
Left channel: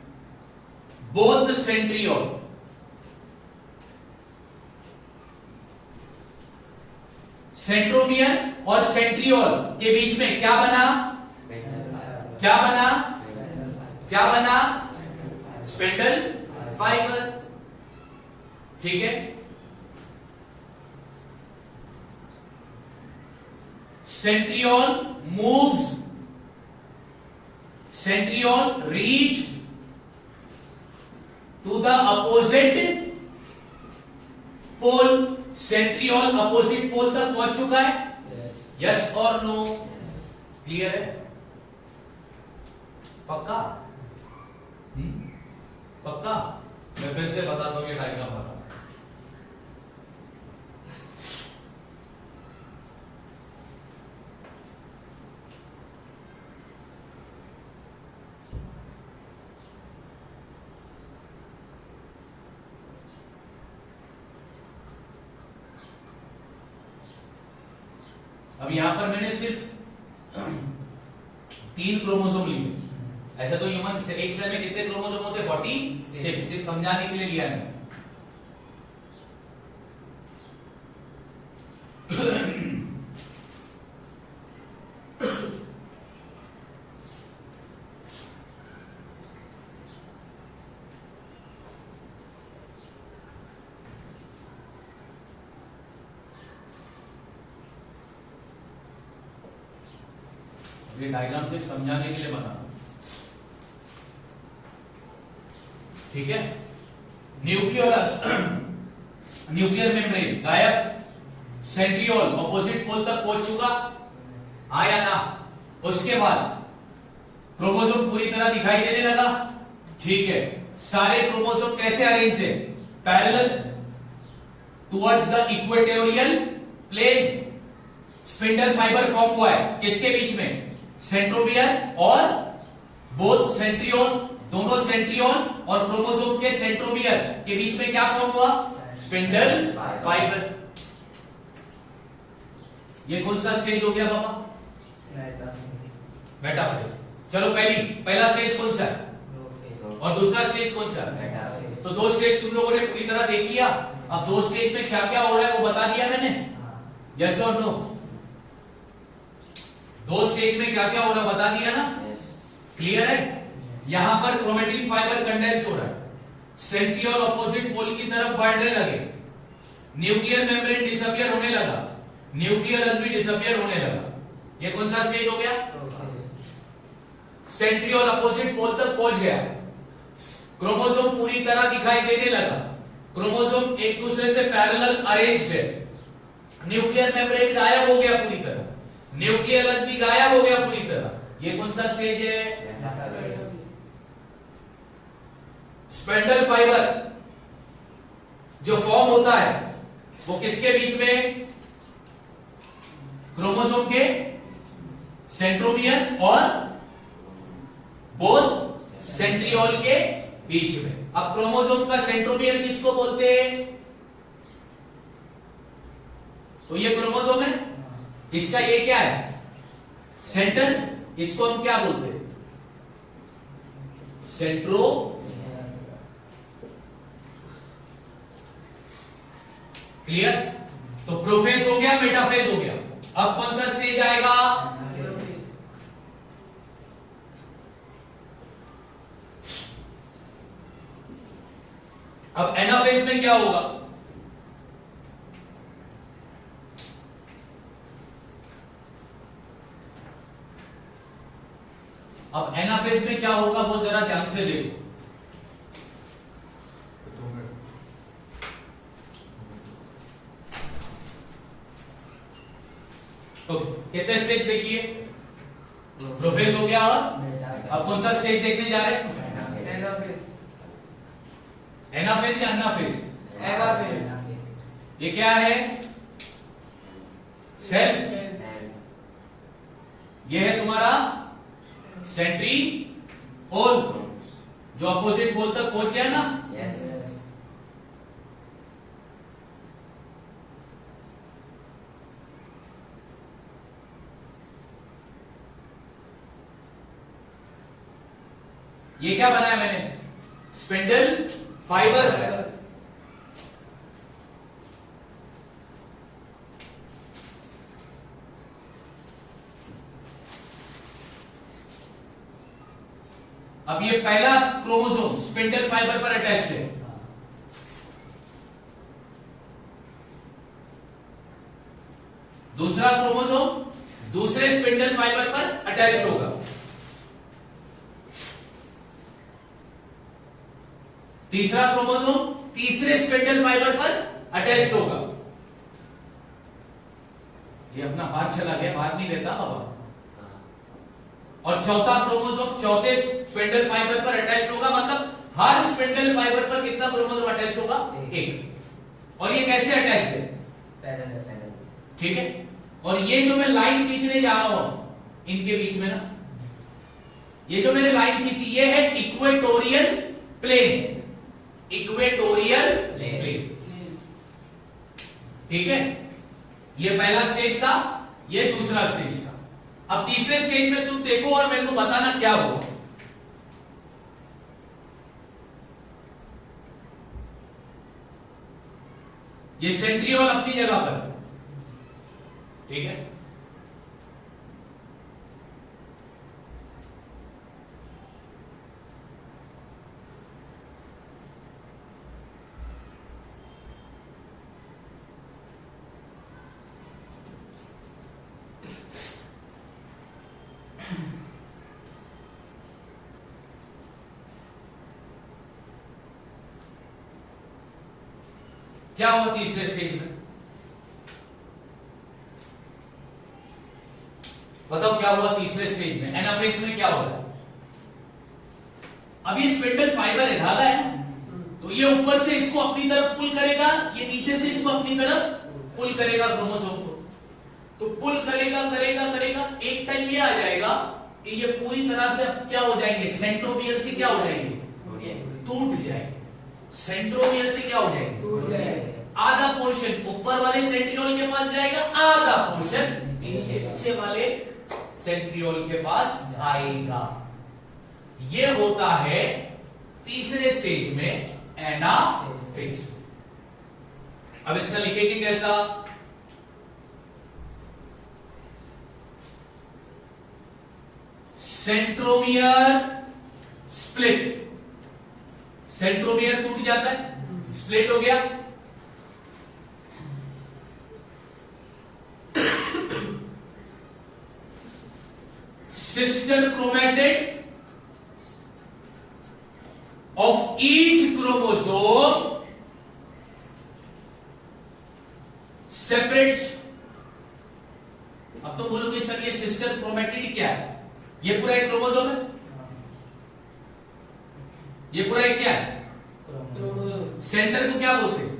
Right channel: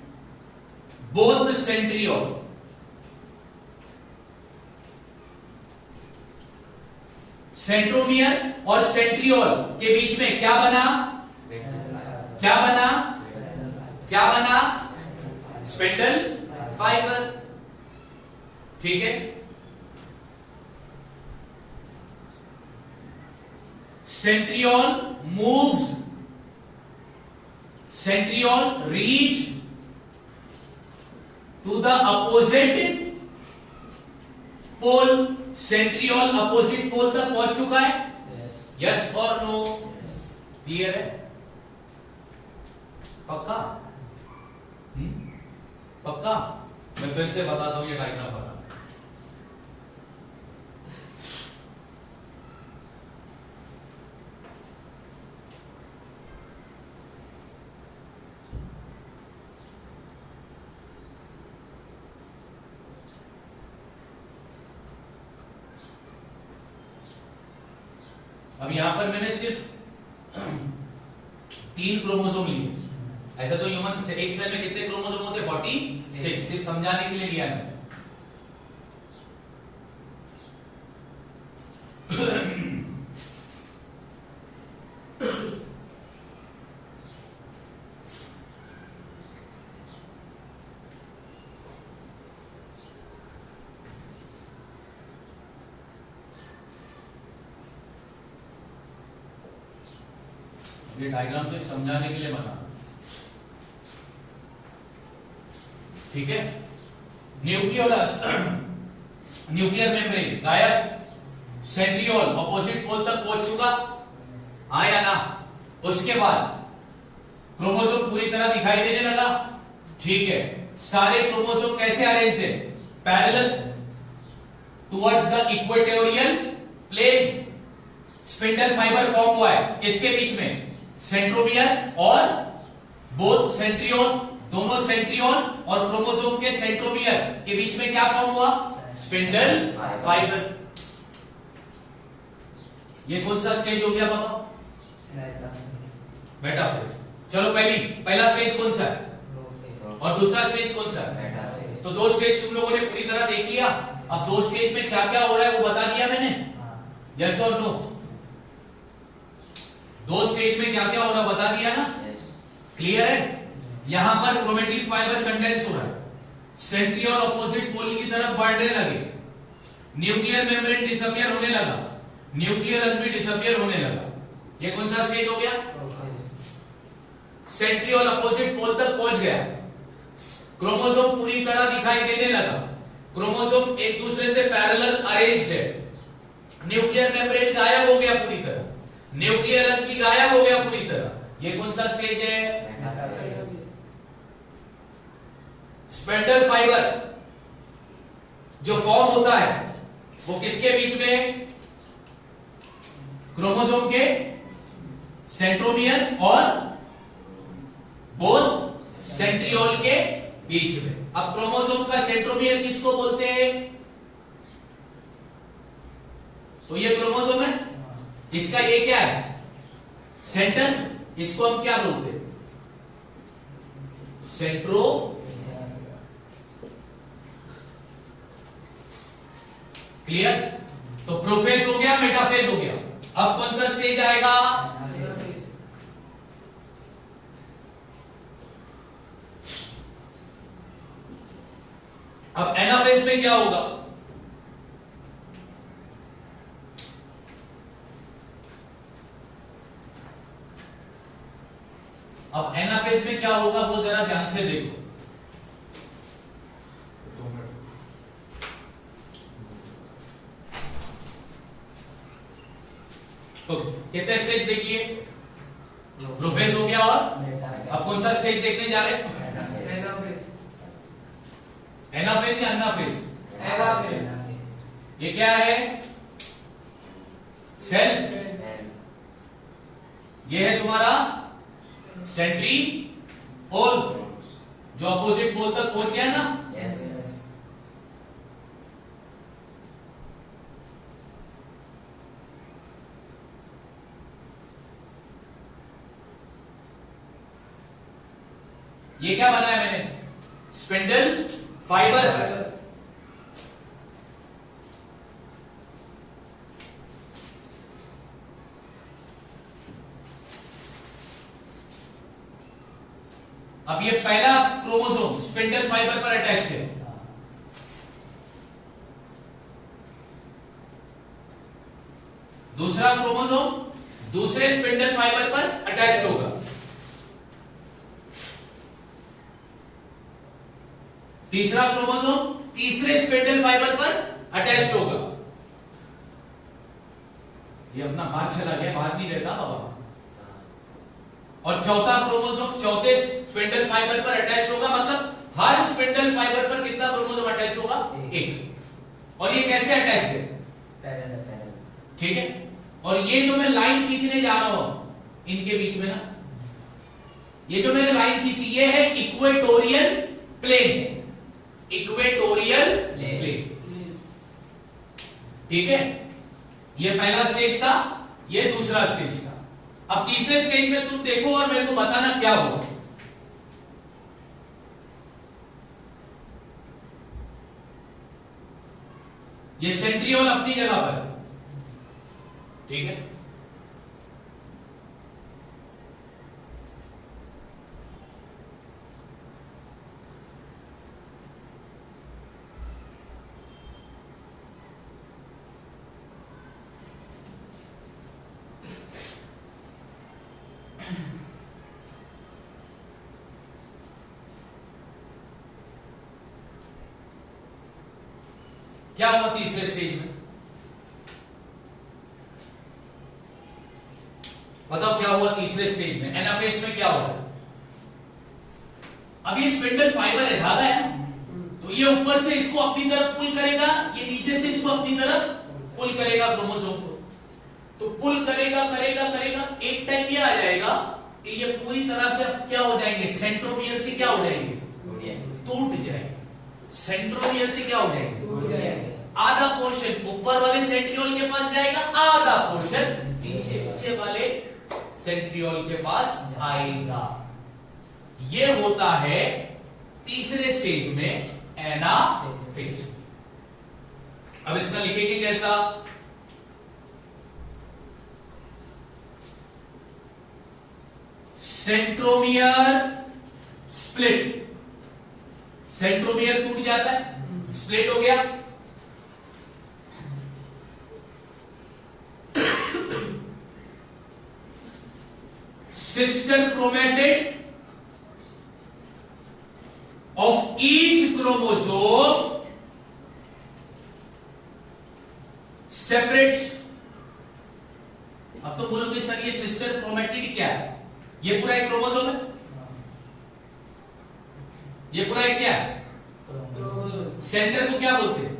both the centriole. Centromere और सेंट्रियोल के बीच में क्या बना? क्या बना? क्या बना? Spindle fibre. ठीक है। Centriole moves, centriole reach to the opposite pole. Centriole opposite pole तक पहुंच चुका है? यस और नो? क्लियर है? पक्का? पक्का? मैं फिर से बताता हूं, ये डायग्राम बना। अब यहां पर मैंने सिर्फ 3 क्रोमोसोम लिए। ऐसा तो ह्यूमन से एक सेल में कितने क्रोमोसोम होते? 46। सिर्फ समझाने के लिए लिया है। ये डायग्राम से समझाने के लिए बना। ठीक है। न्यूक्लियोलस, न्यूक्लियर मेम्ब्रेन गायब। सेंट्रियोल ऑपोजिट पोल तक पहुंच चुका, आया ना? उसके बाद क्रोमोसोम पूरी तरह दिखाई देने लगा। ठीक है। सारे क्रोमोसोम कैसे अरेंज है? Parallel towards the equatorial plane. Spindle fibre form हुआ है किसके बीच में? सेंट्रोमियर और बोथ सेंट्रियोल। दोनों सेंट्रियोल और क्रोमोसोम के सेंट्रोमियर के बीच में क्या फॉर्म हुआ? Spindle fibre. ये कौन सा स्टेज हो गया बाबा? मेटाफेज। चलो पहला स्टेज कौन सा है और दूसरा स्टेज कौन सा है? तो 2 स्टेज तुम लोगों ने पूरी तरह देख लिया। अब 2 स्टेज में क्या क्या हो रहा है वो बता दिया मैंने। यस और नो? 2 स्टेज में क्या क्या हो रहा बता दिया ना? क्लियर है? यहां पर क्रोमेटिन फाइबर कंडेंस हो रहा है, सेंट्रियोल ऑपोजिट पोल की तरफ बढ़ने लगे, न्यूक्लियर मेम्ब्रेन डिसअपियर होने लगा, न्यूक्लियस भी डिसअपियर होने लगा। ये कौन सा स्टेज हो गया? सेंट्रियोल अपोजिट पोल तक पहुंच गया, क्रोमोसोम पूरी तरह दिखाई देने लगा, क्रोमोसोम एक दूसरे से पैरेलल अरेंज्ड है, न्यूक्लियर मेम्ब्रेन गायब हो गया पूरी तरह, न्यूक्लियस भी गायब हो गया पूरी तरह। ये कौन सा स्टेज है? स्पेंडल फाइबर जो फॉर्म होता है वो किसके बीच में? क्रोमोसोम के सेंट्रोमियर और बोथ सेंट्रियोल के बीच में। अब क्रोमोसोम का सेंट्रोमियर किसको बोलते हैं? तो ये क्रोमोसोम है, इसका ये क्या है? सेंटर। इसको हम क्या बोलते हैं? सेंट्रो। क्लियर? तो प्रोफेज हो गया, मेटाफेज हो गया। अब कौन सा स्टेज आएगा? अब एनाफेज में क्या होगा? अब एनाफेज में क्या होगा वो जरा ध्यान से देखो। कितने स्टेज देखिए? प्रोफेज हो गया और अब कौन सा स्टेज देखने जा रहे हैं? एनाफेज या अन्नाफेज? ये क्या है? सेल, ये है तुम्हारा सेंट्रीओल, जो अपोजिट पोल तक पहुंच गया ना। ये क्या बनाया मैंने? Spindle fibre. अब ये पहला क्रोमोसोम स्पिंडल फाइबर पर अटैच है, दूसरा क्रोमोसोम दूसरे स्पिंडल फाइबर पर अटैच होगा, तीसरा क्रोमोसोम तीसरे स्पिंडल फाइबर पर अटैच होगा। ये अपना हाथ चला गया, बाहर नहीं रहता बाबा। और चौथा क्रोमोसोम चौथे स्पिंडल फाइबर पर अटैच होगा, मतलब हर स्पिंडल फाइबर पर कितना क्रोमोसोम अटैच होगा? एक। और ये कैसे अटैच है? पैरेलल। ठीक है। और ये जो मैं लाइन खींचने जा रहा हूं इनके बीच में ना, ये जो मैंने लाइन खींची ये है इक्वेटोरियल प्लेन, इक्वेटोरियल प्लेन। ठीक है, ये पहला स्टेज था, ये दूसरा स्टेज था। अब तीसरे स्टेज में तुम देखो और मेरे को बताना क्या हुआ। ये सेंट्रियोल अपनी जगह पर, ठीक है। क्या हुआ तीसरे स्टेज में? बताओ क्या हुआ तीसरे स्टेज में? एनाफेज में क्या होगा? अब ये स्पिंडल फाइबर है, धागा है ना, तो ये ऊपर से इसको अपनी तरफ पुल करेगा, ये नीचे से इसको अपनी तरफ पुल करेगा क्रोमोसोम को। तो पुल करेगा करेगा करेगा, एक टाइम ये आ जाएगा कि ये पूरी तरह से अब क्या हो जाएंगे? सेंट्रोमियर से क्या हो जाएंगे? टूट जाएंगे। सेंट्रोमियर से क्या हो जाएंगे? टूट जाएंगे। आधा पोर्शन ऊपर वाले सेंट्रियोल के पास जाएगा, आधा पोर्शन नीचे वाले सेंट्रियोल के पास आएगा। ये होता है तीसरे स्टेज में एनाफेज। अब इसका लिखेंगे कैसा? Centromere split. सेंट्रोमियर टूट जाता है, स्प्लिट हो गया। Sister chromatid of each chromosome separates। अब तो बोलोगे सर ये सिस्टर क्रोमेटिड क्या है? ये पूरा एक क्रोमोसोम है, ये पूरा एक क्या है? सेंटर को क्या बोलते हैं?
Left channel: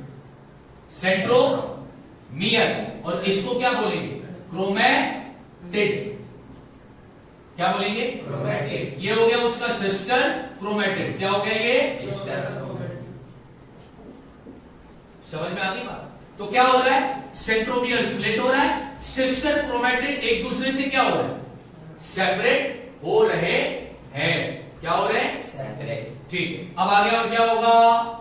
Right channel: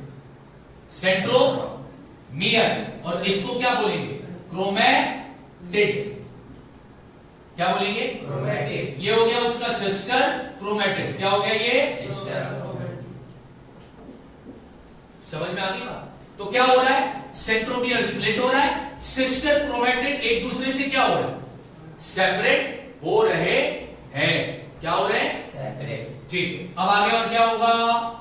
सेंट्रोमियर। और इसको क्या बोलेंगे? क्रोमेटिड। क्या बोलेंगे? क्रोमेटिड। ये हो गया उसका सिस्टर क्रोमेटिड। क्या हो गया ये? Sister chromatid. समझ में आती बात? तो क्या हो रहा है? सेंट्रोमियर स्प्लिट हो रहा है, सिस्टर क्रोमेटिड एक दूसरे से क्या हो रहा है? सेपरेट हो रहे हैं। क्या हो रहे हैं? सेपरेट। ठीक है, अब आगे और क्या होगा?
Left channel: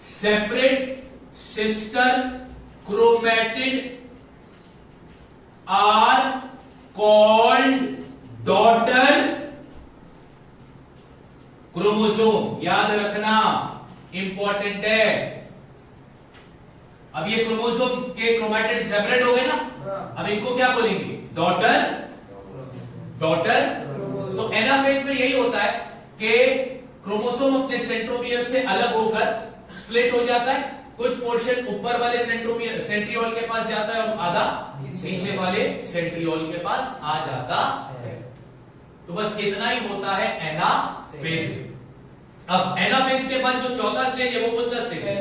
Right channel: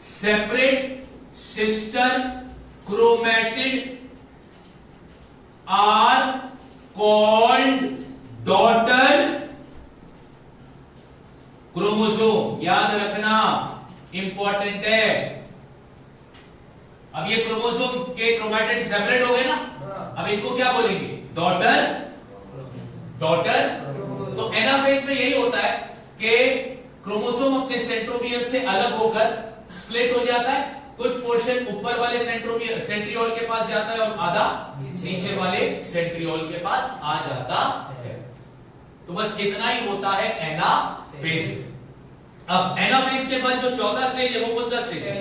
Separate sister chromatid are called daughter chromosome. याद रखना, इंपॉर्टेंट है। अब ये क्रोमोसोम के क्रोमेटिड सेपरेट हो गए ना, अब इनको क्या बोलेंगे? डॉटर। डॉटर। तो एनाफेज में यही होता है कि क्रोमोसोम अपने सेंट्रोमियर से अलग होकर स्प्लिट हो जाता है। कुछ पोर्शन ऊपर वाले सेंट्रियोल के पास जाता है और आधा नीचे वाले सेंट्रियोल के पास आ जाता है। तो बस इतना ही होता है एनाफेज। फेज में। अब एनाफेज के बाद जो चौथा स्टेज है वो कौन सा स्टेज है?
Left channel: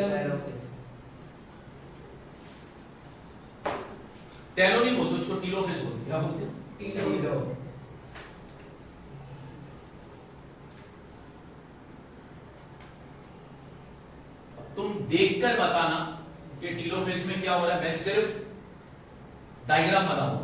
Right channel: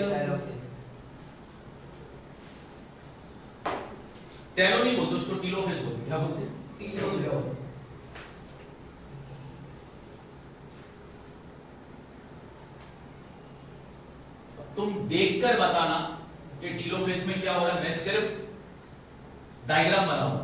टेलो नहीं बोलते उसको, टीलोफेज बोलते। क्या बोलते हैं? तुम देखकर बताना कि टीलोफेज में क्या हो रहा है, मैं सिर्फ डायग्राम बनाऊंगा।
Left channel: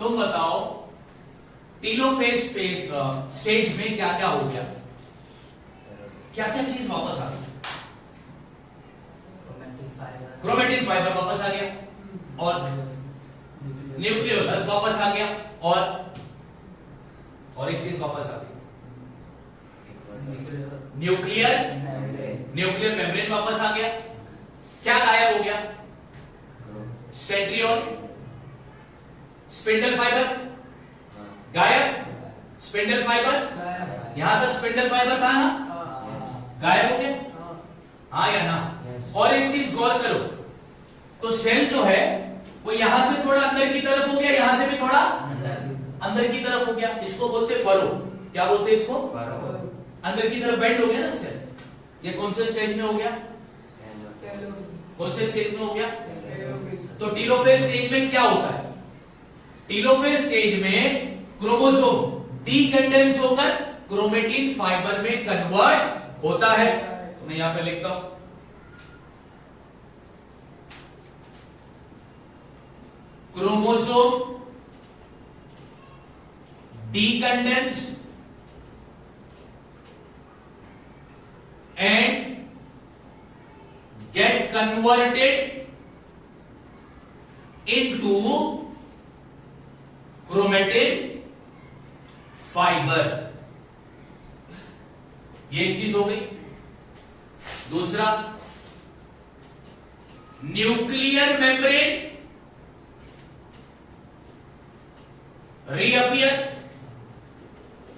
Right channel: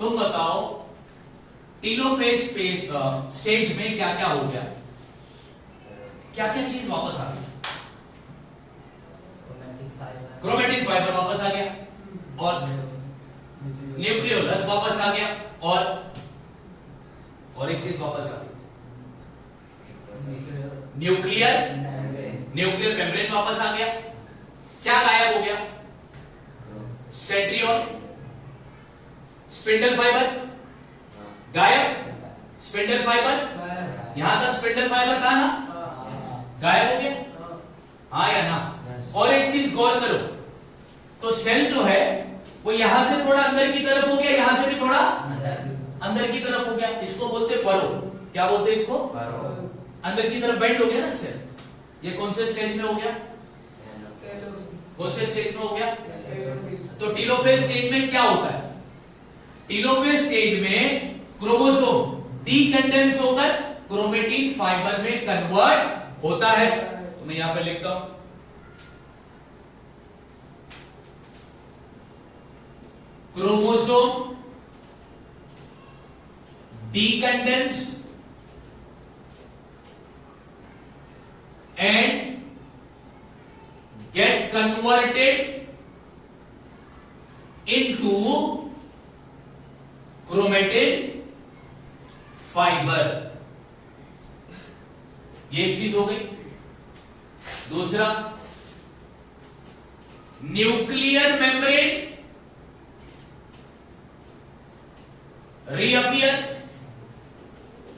तुम बताओ टीलोफेज स्टेज में क्या क्या हो गया, क्या क्या चीज वापस आ गई? क्रोमेटिन फाइबर वापस आ गया और न्यूक्लियोलस वापस आ गया और एक चीज वापस आ गई, न्यूक्लियर मेम्ब्रेन वापस आ गया। क्या गायब हो गया? सेंट्रियोल, स्पिंडल फाइबर गायब, स्पिंडल फाइबर यहां तक स्पिंडल फाइबर था ना, गायब हो गया, हाँ या ना? और एक चीज गौर करो, तो सेल जो है वो यहां से थोड़ा अंदर की तरफ हो गया, यहां से भी थोड़ा अंदर की तरफ हो गया, इसको बोलते फरो। क्या बोलते इसको? फरो। अंदर की तरफ बेंड हो गया ना सेल। ये कौन से स्टेज में हो गया? कौन से स्टेज में हो गया? तो टीलोफेज स्टेज में क्या होता है? टीलोफेज स्टेज में क्रोमोसोम डीकंडेंस होकर क्रोमेटिन फाइबर में कन्वर्ट होता है। तो मैं यहां पे लिखता हूं, chromosome decondense and get converted into chromatin fiber। ये एक चीज हो गई। दूसरा, nuclear membrane reappear,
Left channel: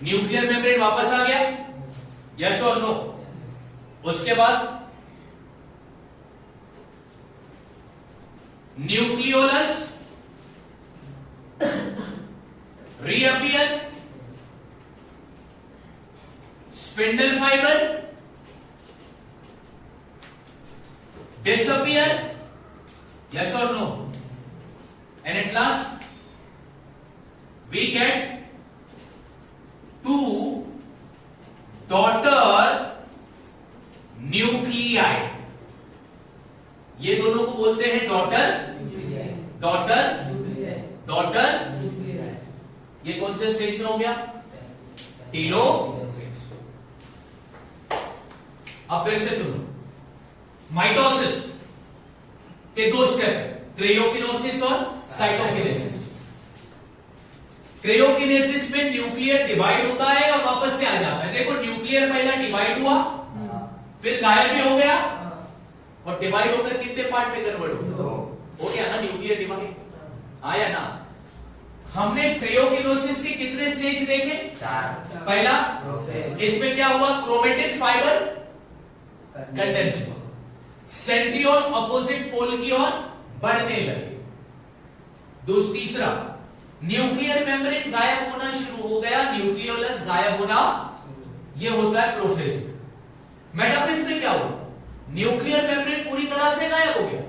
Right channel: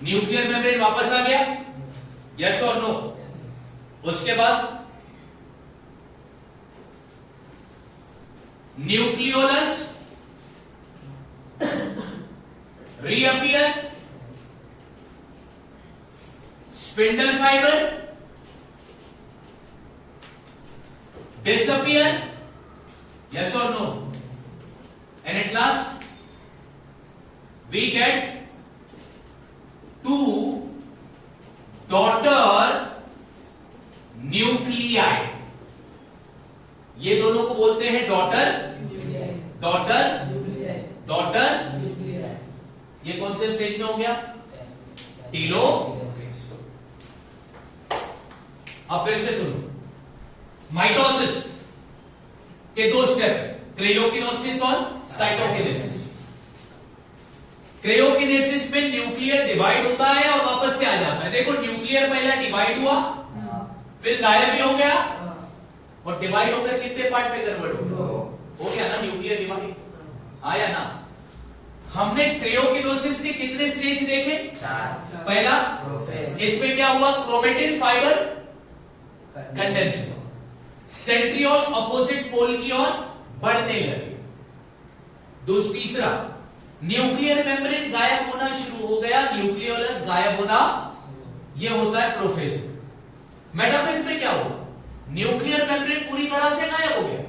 nuclear membrane वापस आ गया, यस और नो? उसके बाद nucleolus reappear, spindle fibre disappear, yes or no? And at last we get two daughter nuclei। ये दोनों को बोलते हैं डॉटर ये कौन से स्टेज में हो गया? टीलोफेज। अब फिर से सुनो, माइटोसिस के दो स्टेप, क्रेयोकिनोसिस और साइटोकिनेसिस। क्रेयोकिनेसिस में न्यूक्लियर डिवाइड होता है और वापस से आ जाता है। देखो, न्यूक्लियर पहला डिवाइड हुआ, फिर गायब भी हो गया, और डिवाइड होकर कितने पार्ट में कन्वर्ट हो गया ना न्यूक्लियर डिवाइड, आया ना? हमने क्रेयोकिनोसिस के कितने स्टेज देखे? 4। पहला, इसमें क्या हुआ? क्रोमेटिन फाइबर कंडेंस हुआ, सेंट्रियोल अपोजिट पोल की ओर बढ़ने लगे। तीसरा, न्यूक्लियर मेम्ब्रेन गायब होना शुरू हो गया, न्यूक्लियोलस गायब होना, ये होता है प्रोफेज में। मेटाफेज में क्या हुआ? न्यूक्लियर मेम्ब्रेन पूरी तरह से गायब हो गया,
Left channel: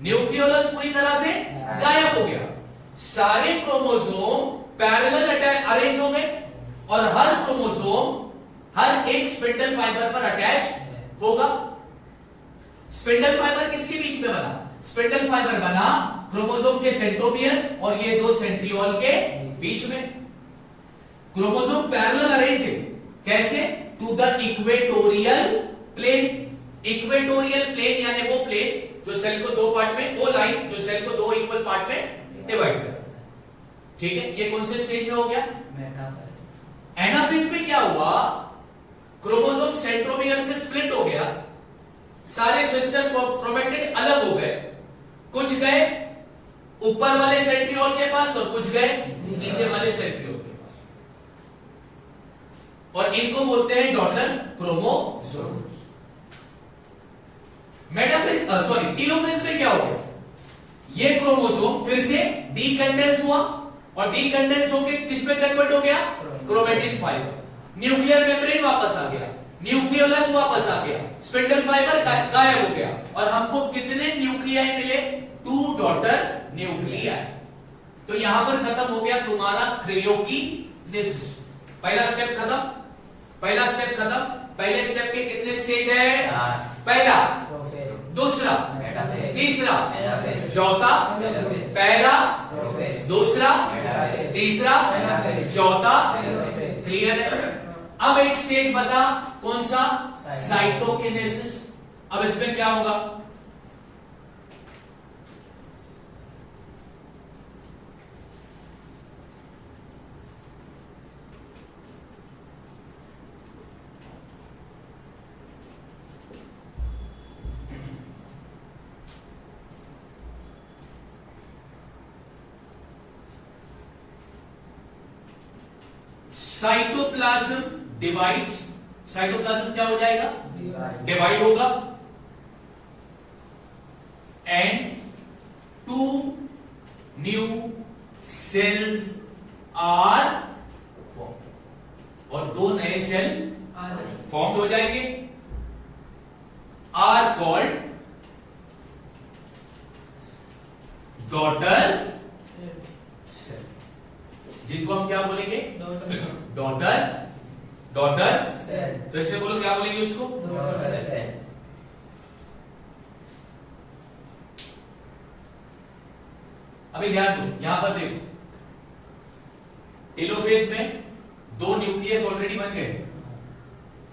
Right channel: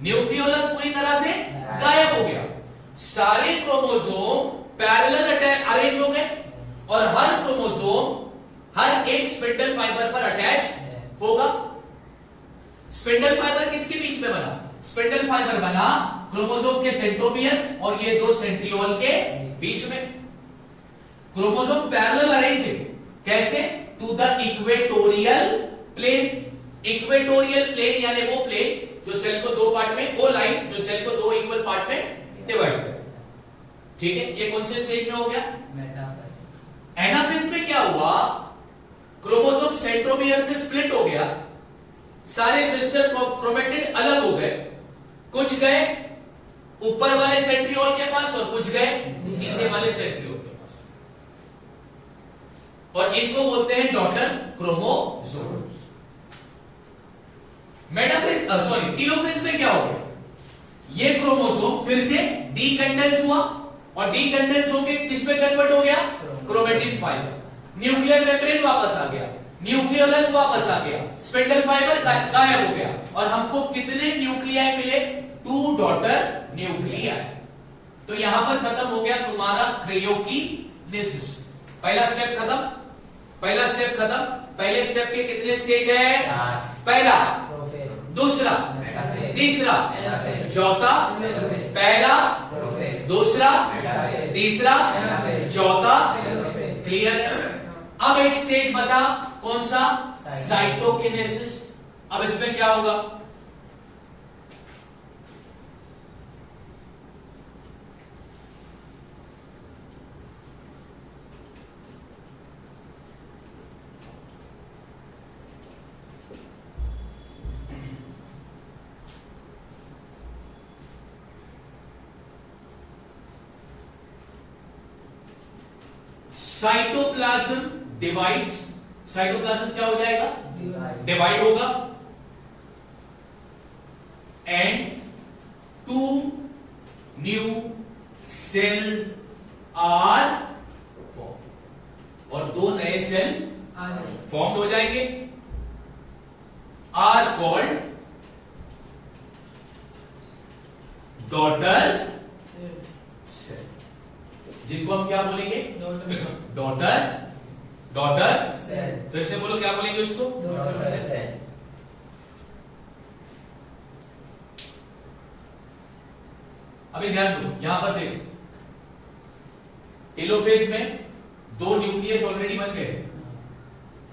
न्यूक्लियोलस पूरी तरह से गायब हो गया, सारे क्रोमोसोम पैरेलल अरेंज हो गए और हर क्रोमोसोम हर एक स्पिंडल फाइबर पर अटैच होगा। स्पिंडल फाइबर किसके बीच में बना? स्पिंडल फाइबर बना क्रोमोसोम के सेंट्रोमियर और ये दो सेंट्रियोल के बीच में। क्रोमोसोम पैरेलल अरेंज है, कैसे? To the equatorial plane. Equatorial plane यानी वो प्लेन जो सेल को दो पार्ट में, वो लाइन जो सेल को दो इक्वल पार्ट में डिवाइड कर, ठीक है। ये कौन से स्टेज में हो गया? एनाफेज में क्या हुआ? क्रोमोसोम सेंट्रोमियर से स्प्लिट हो गया, सारे सिस्टर क्रोमेटिड अलग हो गए, कुछ गए ऊपर वाले सेंट्रियोल के पास और कुछ गए नीचे वाले सेंट्रियोल के पास, और इनको बोलते हैं डॉटर क्रोमोसोम। मेटाफेज टीलोफेज में क्या हो गया? ये क्रोमोसोम फिर से डीकंडेंस हुआ और डीकंडेंस होकर किस में कन्वर्ट हो गया? Chromatin fibre. न्यूक्लियर मेम्ब्रेन वापस आ गया, न्यूक्लियोलस वापस आ गया, स्पिंडल फाइबर गायब हो गया और हमको कितने न्यूक्लियाई मिले? 2 डॉटर न्यूक्लियाई। तो यहां पर खत्म हो गया तुम्हारा क्रियोकिनेसिस। पहला स्टेप खत्म, पहला स्टेप खत्म। पहले स्टेप के कितने स्टेज है? पहला, दूसरा, तीसरा, चौथा, पहला, दूसरा, तीसरा, चौथा, क्लियर है। अब एक स्टेज बता, कौन सा? साइटोकिनेसिस। अब इसमें क्या होगा? Cytoplasm divides. साइटोप्लाज्म क्या हो जाएगा? डिवाइड होगा and 2 new cells are form, और 2 नए सेल फॉर्म हो जाएंगे, आर कॉल्ड डॉटर सेल, जिनको हम क्या बोलेंगे? Daughter cell. फिर से बोलो, क्या बोलेंगे उसको? Daughter cell. अभी ध्यान दो, यहां पर देखो, टेलोफेज में 2 न्यूक्लियस ऑलरेडी बन गए,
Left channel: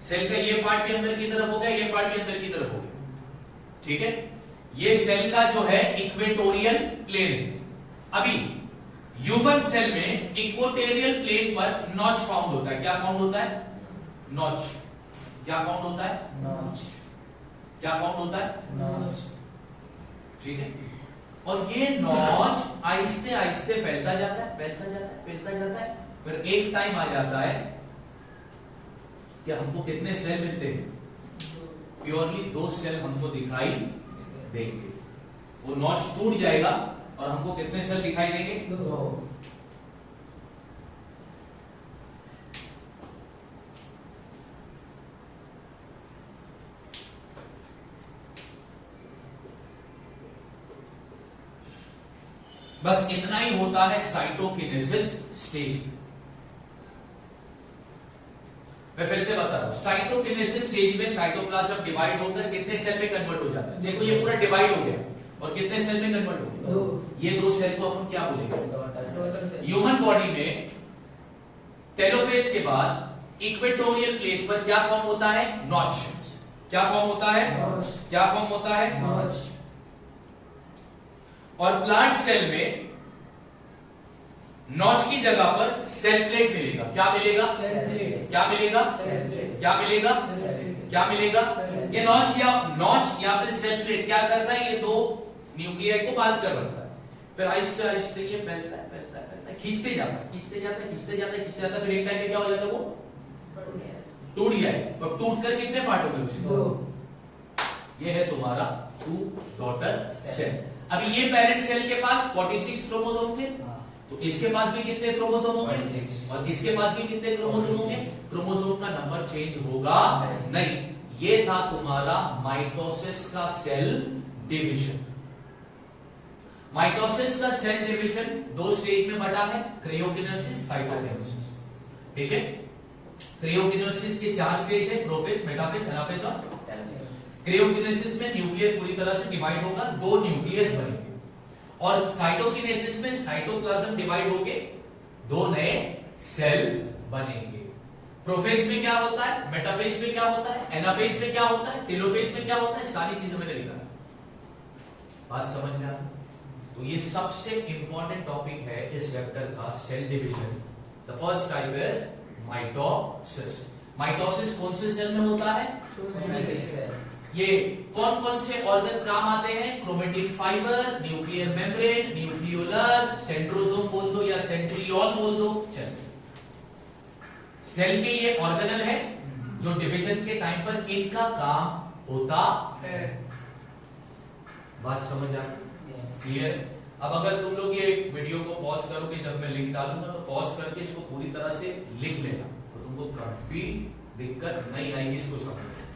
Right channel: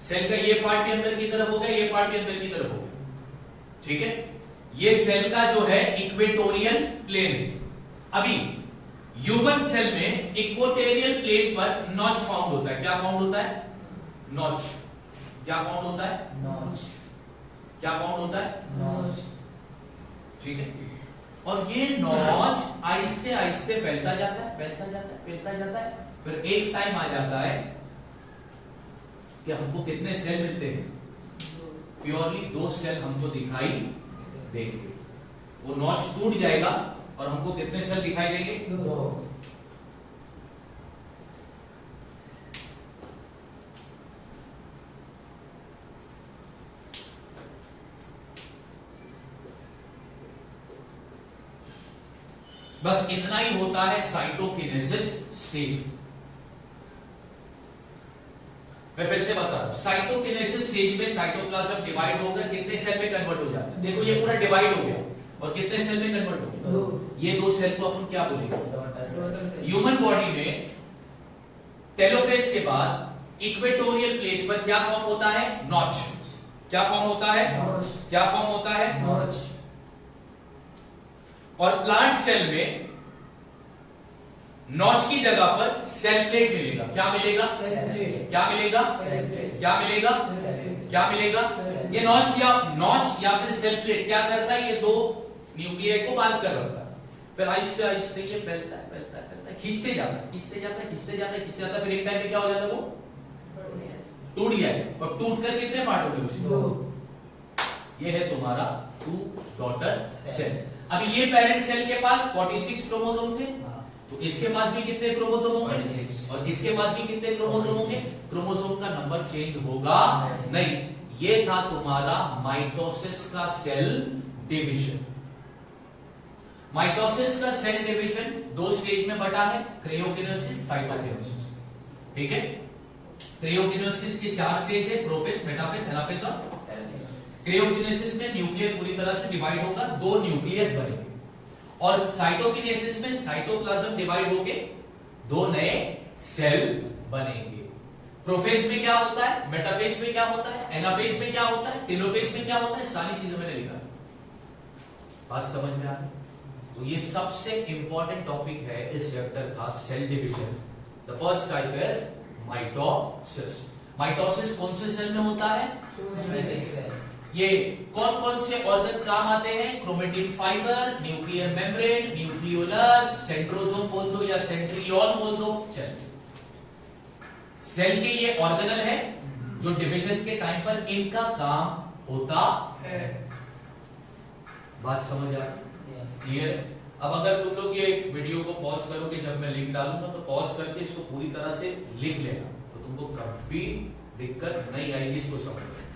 सेल का ये पार्ट भी अंदर की तरफ हो गया, ये पार्ट भी अंदर की तरफ हो गया, ठीक है। ये सेल का जो है इक्वेटोरियल प्लेन है। अभी ह्यूमन सेल में इक्वेटोरियल प्लेन पर नॉच फाउंड होता है। क्या फाउंड होता है? नॉच। क्या फाउंड होता है? नॉच। क्या फाउंड होता है? नॉच, ठीक है। और ये नॉच आहिस्ते आहिस्ते फैलता जाता है, फैलता जाता है, फैलता जाता है, फिर एक टाइम आ जाता है कि हमको कितने सेल मिलते हैं? प्योरली 2 सेल हमको दिखाई देंगे। वो नॉच टूट जाएगा और हमको कितने सेल दिखाई देंगे? 2। बस इतना ही होता है साइटोकिनेसिस स्टेज। मैं फिर से बता रहा हूं, साइटोकिनेसिस स्टेज में साइटोप्लाज्म डिवाइड होकर कितने सेल में कन्वर्ट हो जाता है? देखो ये पूरा डिवाइड हो गया और कितने सेल में कन्वर्ट हो गया? 2। ये 2 सेल को अपन क्या बोलेंगे? ह्यूमन बॉडी में टेलोफेज के बाद इक्वेटोरियल प्लेस पर क्या फॉर्म होता है? नॉच। क्या फॉर्म होता है? नॉच। क्या फॉर्म होता है? नॉच। और प्लांट सेल में नॉच की जगह पर सेल प्लेट मिलेगा। क्या मिलेगा? Cell plate. क्या मिलेगा? Cell plate. क्या मिलेगा? Cell plate. क्या मिलेगा? ये नॉच या फिर सेल प्लेट क्या करता है? ये 2 न्यूक्लियाई को बांध कर रखता है, फिर आहिस्ते आहिस्ते ये फैलता है, फैलता है, फैलता है, खींचते जाता है, खींचते जाता है, खींचते जाता है, खींचते जाता है, फिर एक टाइम पे क्या हो जाता है? वो टूट गया है। और टूट कर कितने पार्ट हो गए उसके? 2। ये है तुम्हारा 2 डॉटर सेल। अभी ये पेरेंट सेल के पास 46 क्रोमोसोम थे, तो इसके पास भी कितने क्रोमोसोम होंगे और इसके पास भी कितने क्रोमोसोम होंगे? क्रोमोसोम का नंबर चेंज होगा नहीं। ये था तुम्हारा माइटोसिस का सेल डिवीजन। माइटोसिस का सेल डिवीजन दो स्टेज में बटा है, क्रियोकिनेसिस, साइटोकिनेसिस। ठीक है, क्रियोकिनेसिस के 4 स्टेज है, प्रोफेज, मेटाफेज, एनाफेज और क्रियोकिनेसिस में न्यूक्लियर पूरी तरह से डिवाइड होगा, 2 न्यूक्लियस बनेंगे और साइटोकिनेसिस में साइटोप्लाज्म डिवाइड होके 2 नए सेल बनेंगे। प्रोफेज में क्या होता है, मेटाफेज में क्या होता है, एनाफेज में क्या होता है, टेलोफेज में क्या होता है, सारी चीजें मैंने लिखा। बात समझ में आ रही? तो ये सबसे इंपॉर्टेंट टॉपिक है इस चैप्टर का, cell division. The first type is mitosis. Mitosis कौन से सेल में होता है? ये कौन कौन से ऑर्गन काम आते हैं? Chromatin fibre, nuclear membrane, nucleolus, centrosome बोल दो या सेंट्रियोल बोल दो। सेल के ये ऑर्गेनल है जो डिवीजन के टाइम पर इनका काम होता है। बात समझ आ रही? क्लियर? अब अगर तुम लोग ये वीडियो को पॉज करोगे, जब मैं लिंक डालूंगा तो पॉज करके इसको पूरी तरह से लिख लेना, तो तुमको कभी दिक्कत नहीं आएगी इसको समझने।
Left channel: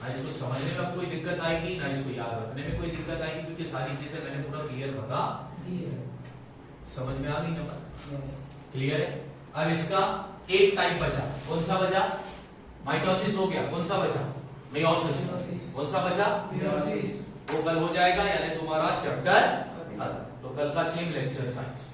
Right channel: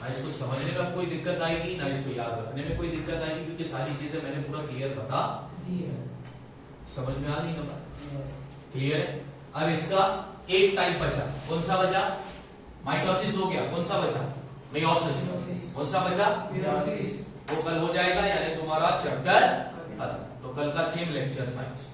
ना इसको समझने में कोई दिक्कत आएगी, ना इसको याद रखने में कोई दिक्कत आएगी, क्योंकि सारी चीजें मैंने पूरा क्लियर बता दी है। समझ में आ गई ना बात? क्लियर है? अब इसका एक टाइप बचा, कौन सा बचा? माइटोसिस हो गया, कौन सा बचा? मेयोसिस। कौन सा बचा? वो कल हो जाएगा, यानी तुम्हारा चैप्टर खत्म। तो कल का सेम लेक्चर साइंस।